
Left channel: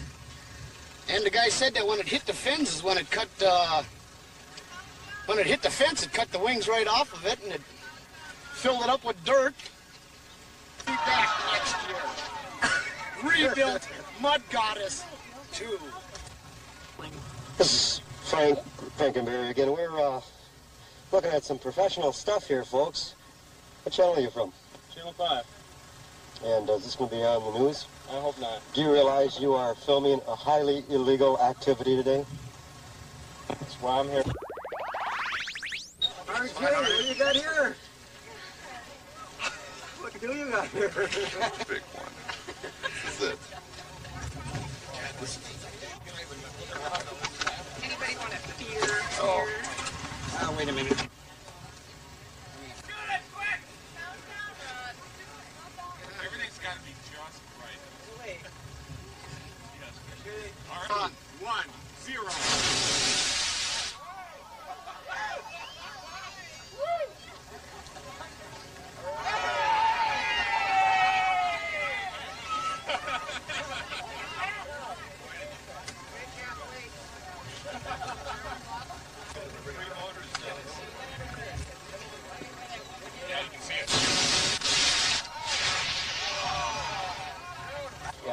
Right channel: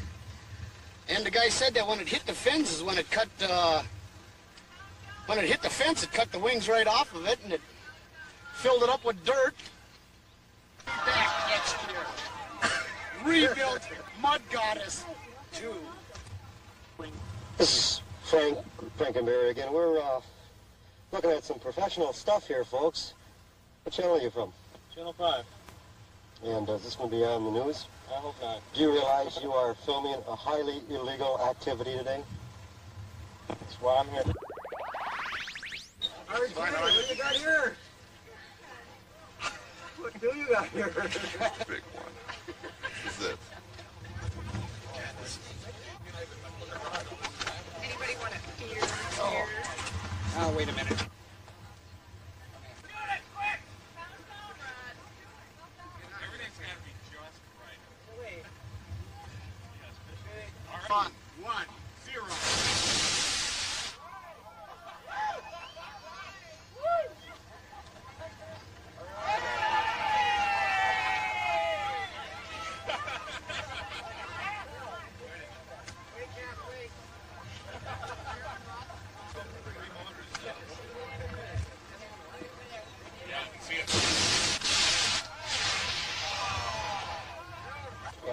and the guy said that when it hit the fins is when it cut when it hit the fence, it cut the wings right off of it, and it filled it up with dirt. Be back next year. Rebuilt Mud Goddess 2. This is Frank Frankenberry again. We're looking at some professional stuff here, folks. What channel are you from? Channel 5. And is this going to be on the news? I hope not. Do you realize you are filming a highly illegal activity today? That's why I'm here. RJ, what do you got here? What do you got here? Big one. This is it. Anybody want a beer? Oh, wait a minute. Everything's got to be just right. One.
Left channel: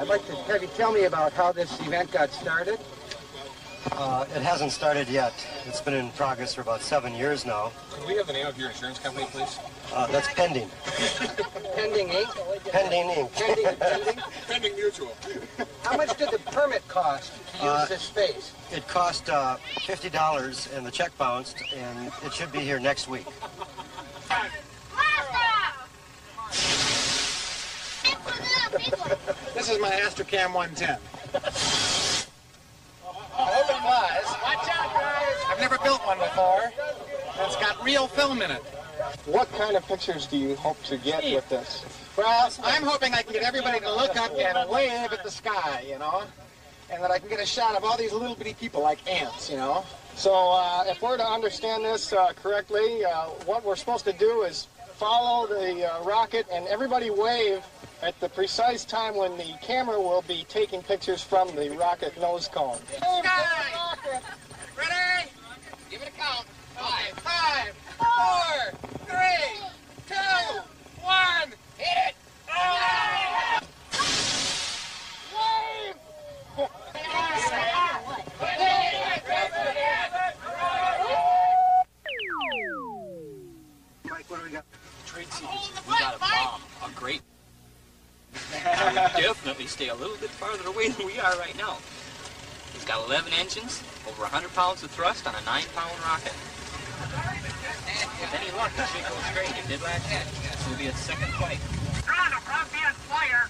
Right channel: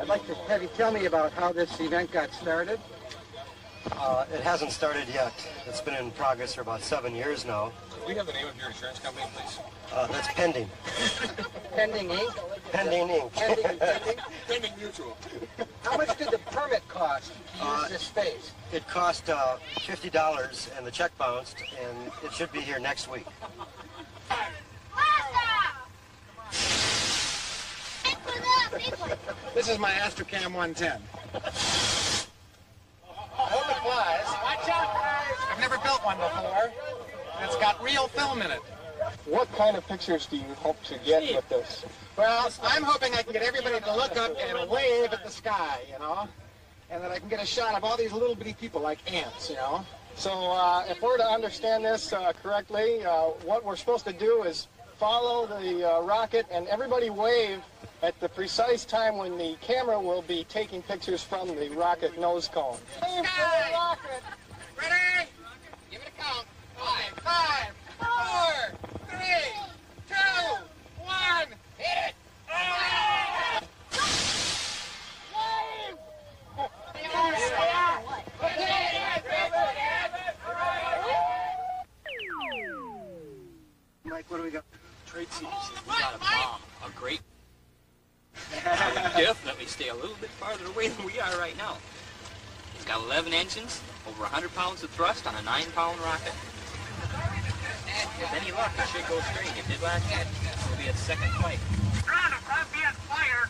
I'd like to have you tell me about how this event got started. It hasn't started yet. It's been in progress for about 7 years now. Could we have the name of your insurance company, please? That's Pending. Pending Inc.? Pending Inc. Pending? Pending Mutual. How much did the permit cost to use this space? It cost $50 and the check bounced, and it should be here next week. This is my Astrocam 110. I hope it flies. Watch out, guys! I've never built one before. It's got real film in it. What kind of pictures do you hope to get with this? Well, I'm hoping I can get everybody to look up and wave at the sky, and that I can get a shot of all these little bitty people like ants, So if we're to understand this correctly, what we're supposed to do is follow the rocket and everybody wave at the precise time when the camera will be taking pictures from the rocket nose cone. Sky! Ready? Give it a count. 5, 4, 3, 2, 1. Hit it! Mike, what do we got? Trade secrets. We got a bomb. A great. I would definitely stay a little bit farther away than we are right now. It's got 11 engines, over 100 pounds of thrust on a 9-pound rocket. With any luck, it should go straight. It did last night. This will be its second flight. Ground, I'm being fire.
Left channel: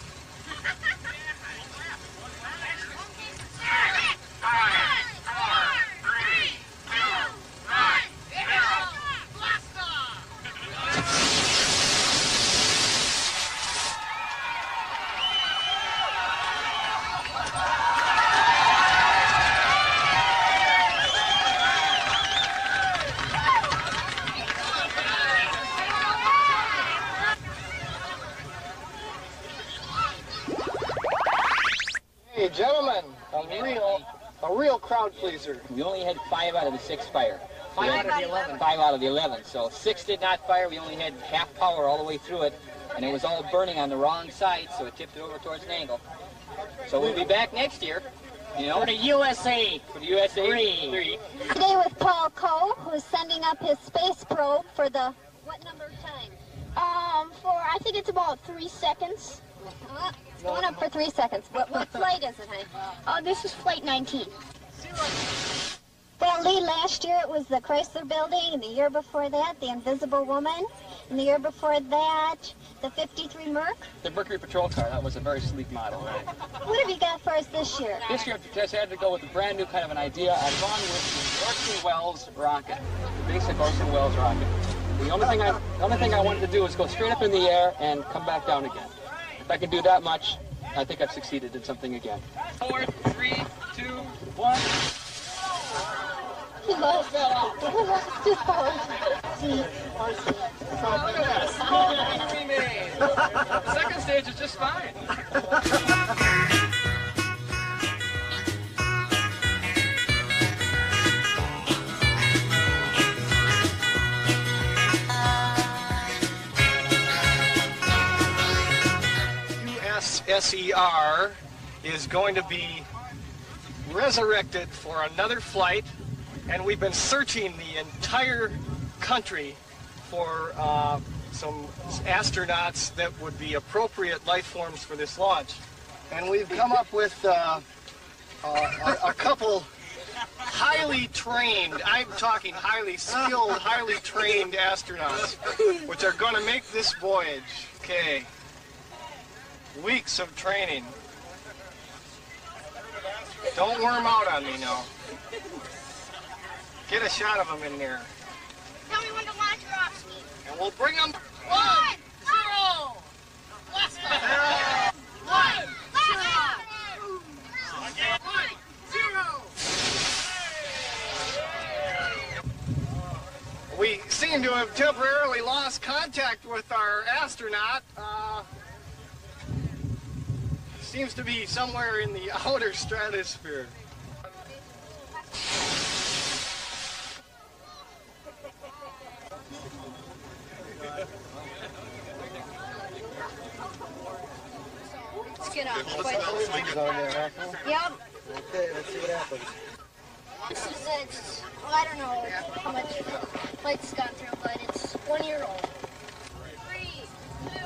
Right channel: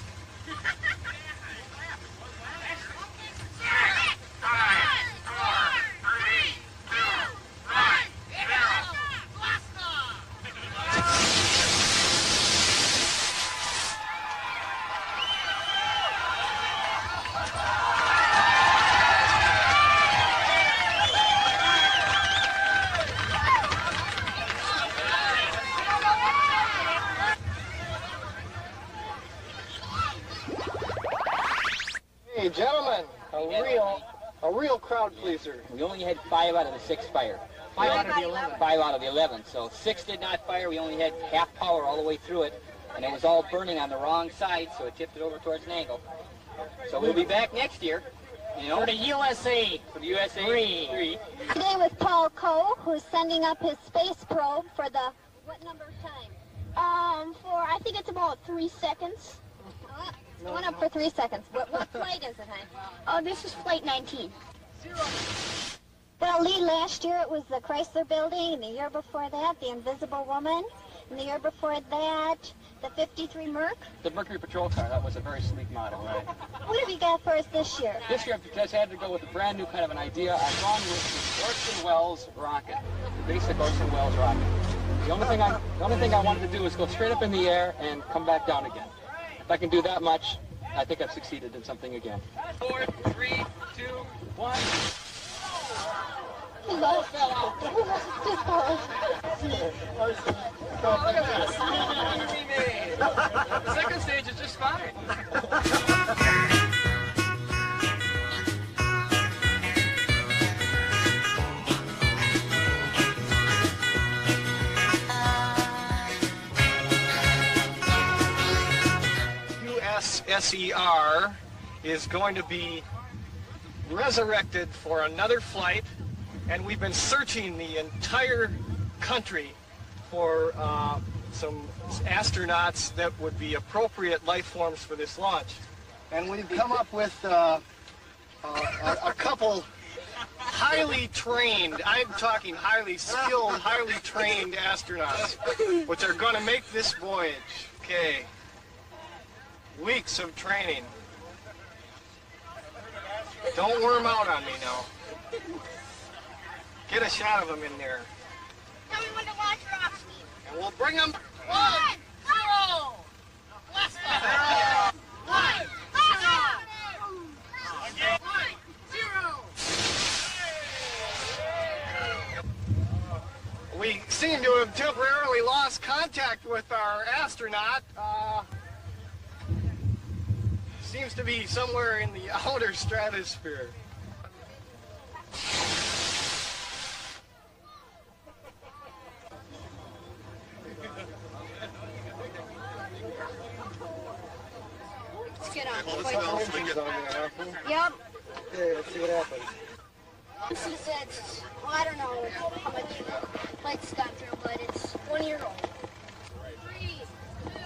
5, 4, 3, 2, 1, 0. Blast off! Hey, gentlemen, a real crowd pleaser. We only had 5 out of the 6 fire. 5 out of the 11. 5 out of the 11. So 6 did not fire. We only had half power all the way through it. And it was all burning on the wrong side, so it tipped it over towards an angle. So we'll be back next year, For the USA. For the USA 3. Today with Paul Coe, who's sending up his space probe for the, what number of time? For, I think it's about 3 seconds. It's going up for 3 seconds. What flight is it, honey? This is flight 19. Well, Lee, last year it was the Chrysler Building, and the year before that, the Invisible Woman, and the year before that, the 53 Merc. The Mercury Patrol car, that was a very sleek model, right? What have you got for us this year? This year, I just had to go with a brand new kind of an idea. I've gone with the Orson Welles rocket, the basic Orson Welles rocket. The only thing I wanted to do is go straight up in the air and come back down again. If I can do that much, I think I've succeeded in something again. 4, 3, 2, 1. He lost. He lost his power. Look at this. Oh, we made. The second stage is just fine. USSER is going to be resurrected for another flight, and we've been searching the entire country for some astronauts that would be appropriate life forms for this launch. And we've come up with a couple highly trained, I'm talking highly skilled, highly trained astronauts, which are going to make this voyage. Okay. Weeks of training. Don't worm out on me now. Get a shot of them in there. Tell me when to launch rocks. And we'll bring them. 1, 0. Blast off. 1, 0. 1, 0. We seem to have temporarily lost contact with our astronaut. Seems to be somewhere in the outer stratosphere. Let's get on. settings on there, huh? Fool? Yep. Okay, let's see what happens. This is it. Well, I don't know how much plates got through, but it's 1 year old. 3, 2,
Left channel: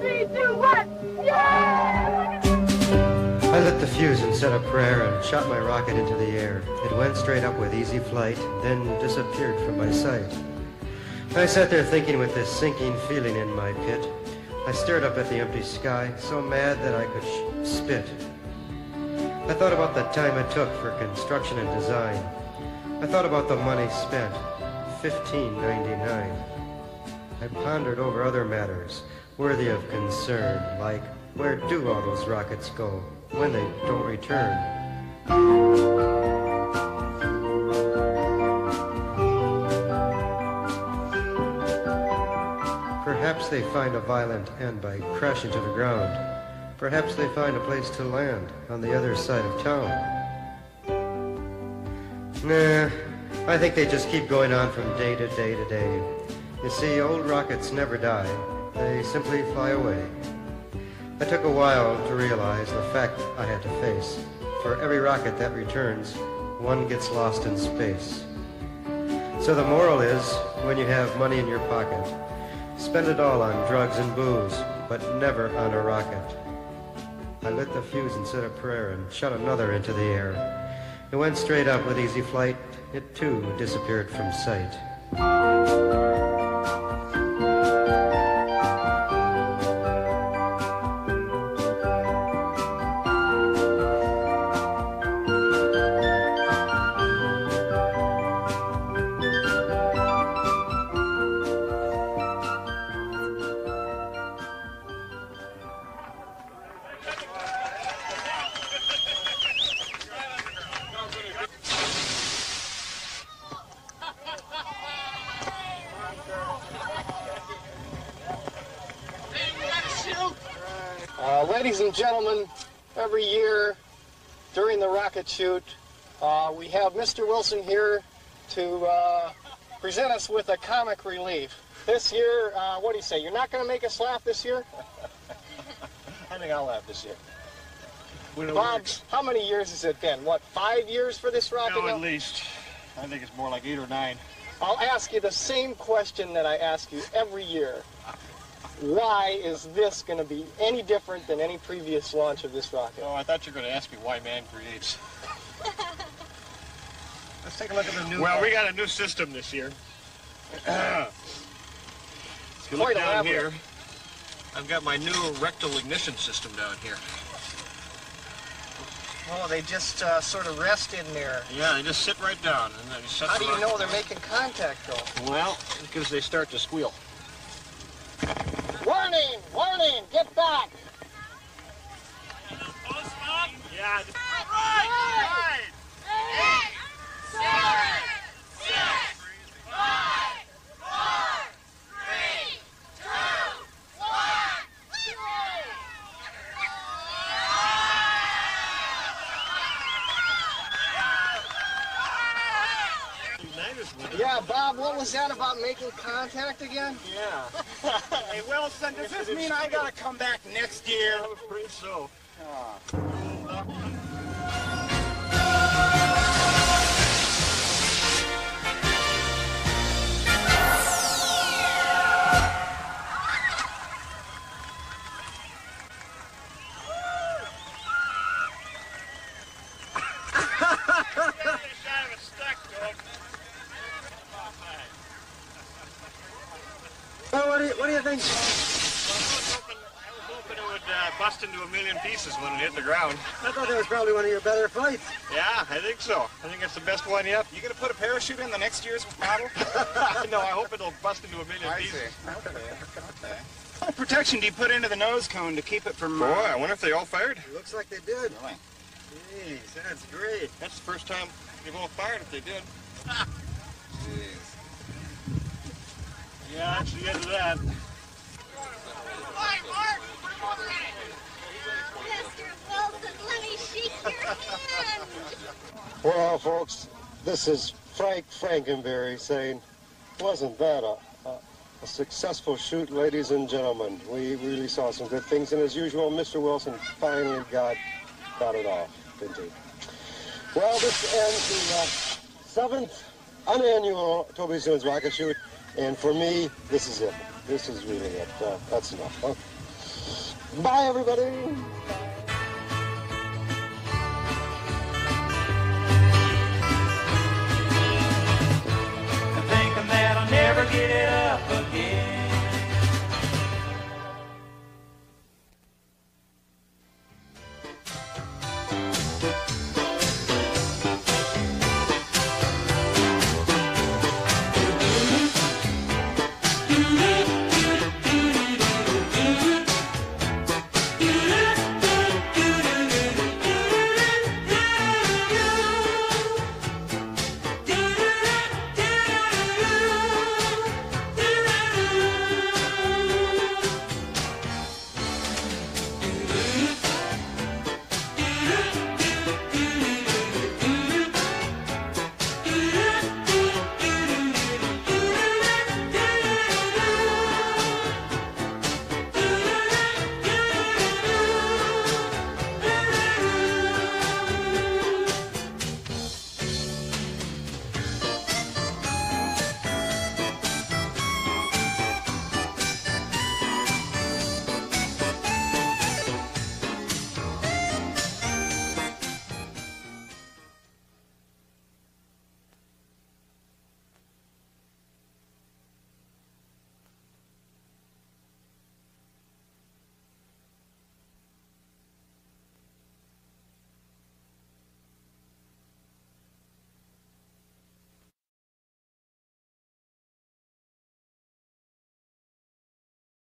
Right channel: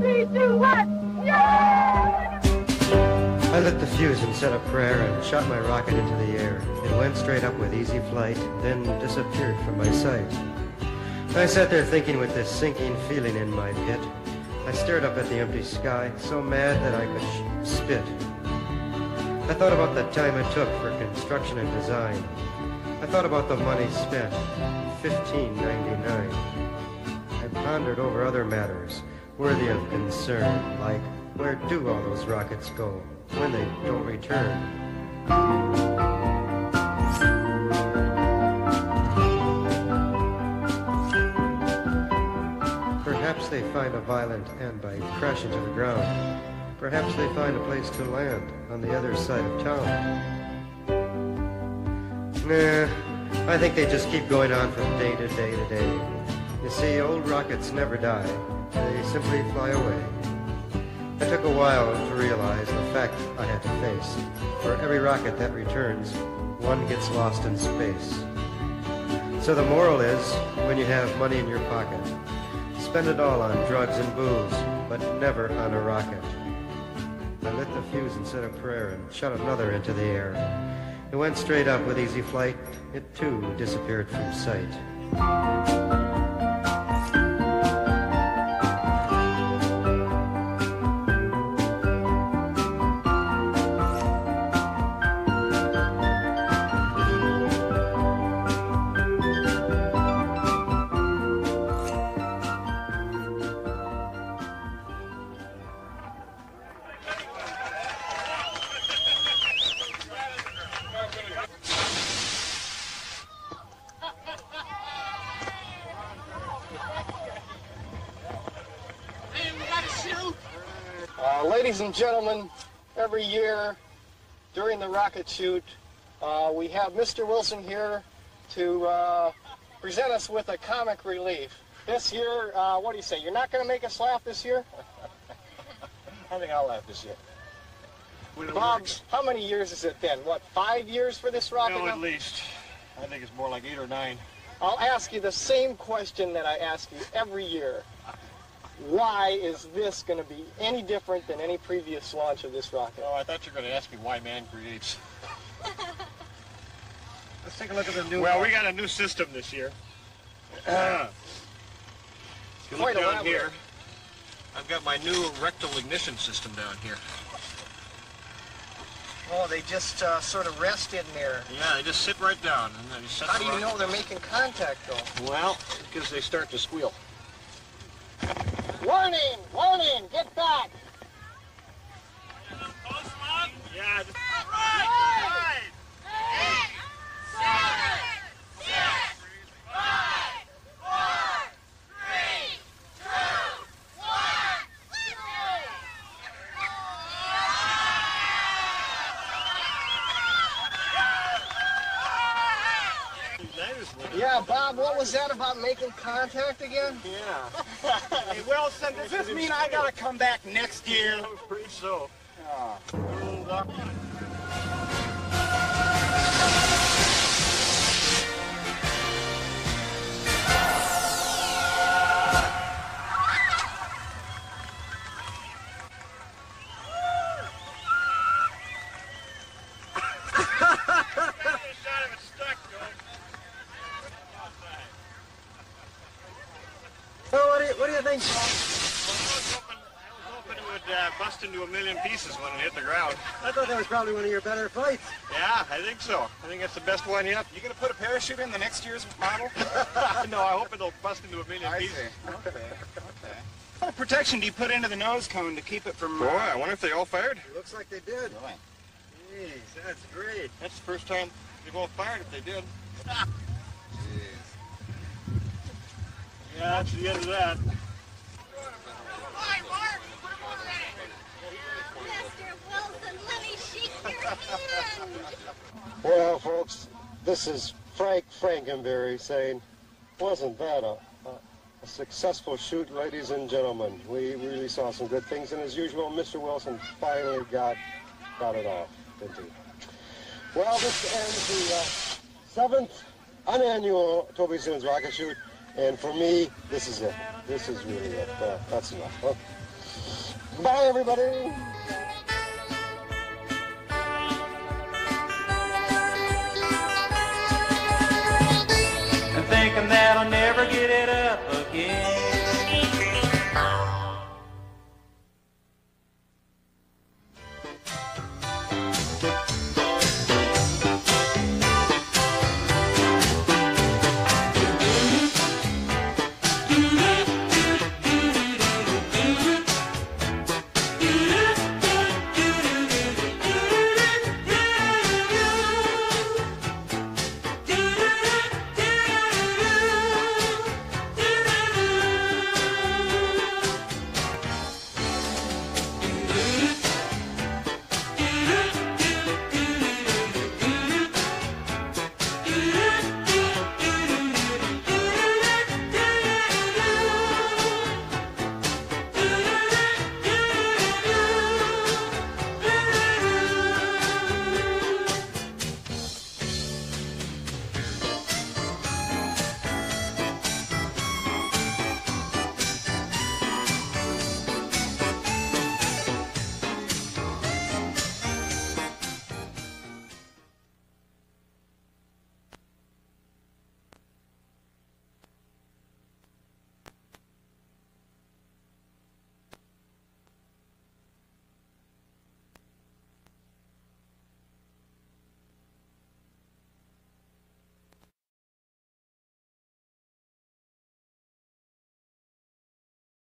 3, 2, 1. Yeah! I lit the fuse and said a prayer and shot my rocket into the air. It went straight up with easy flight, then disappeared from my sight. I sat there thinking with this sinking feeling in my pit. I stared up at the empty sky, so mad that I could spit. I thought about the time it took for construction and design. I thought about the money spent, $15.99. I pondered over other matters worthy of concern, like where do all those rockets go when they don't return? Perhaps they find a violent end by crashing to the ground. Perhaps they find a place to land on the other side of town. Nah, I think they just keep going on from day to day to day. You see, old rockets never die. They simply fly away. It took a while to realize the fact I had to face. For every rocket that returns, one gets lost in space. So the moral is, when you have money in your pocket, spend it all on drugs and booze, but never on a rocket. I lit the fuse and said a prayer and shot another into the air. It went straight up with easy flight. It too disappeared from sight. Ladies and gentlemen, every year during the rocket shoot, we have Mr. Wilson here to present us with a comic relief. This year, what do you say? You're not going to make us laugh this year? I think I'll laugh this year. Bob, how many years has it been? What, 5 years for this rocket? No, at least. I think it's more like 8 or 9. I'll ask you the same question that I ask you every year. Why is this going to be any different than any previous launch of this rocket? Oh, I thought you were going to ask me why man creates. Let's take a look at the new Well, we got a new system this year. If you look Quite down elaborate. here, I've got my new rectal ignition system down here. Oh, they just sort of rest in there. Yeah, they just sit right down. And then set How the do you rocket. know they're making contact, though? Well, because they start to squeal. Warning! Warning! Get back! Yeah. Right! 8, 7, 6, 5, 4, 3, 2, 1. Yeah, Bob, what was that about making contact again? Yeah. Hey, Wilson, does this mean I gotta come back next year? I'm afraid so. Oh, what do you think? I was hoping it would bust into a million pieces when it hit the ground. I thought that was probably one of your better flights. Yeah, I think so. I think that's the best one yet. You gonna put a parachute in the next year's model? No, I hope it'll bust into a million pieces. Okay. What kind of protection do you put into the nose cone to keep it from... Boy, I wonder if they all fired. Looks like they did. Really? Jeez, that's great. That's the first time they've all fired if they did. Jeez. Yeah, that's the end of that. Well, folks, this is Frank Frankenberry saying, wasn't that a successful shoot, ladies and gentlemen? We really saw some good things, and as usual, Mr. Wilson finally got it off, didn't he? Well, this ends the 7th unannual Toby Soon's rocket shoot, and for me, this is it. This is really it. That's enough. Huh? Bye, everybody. And thinking that I'll never get it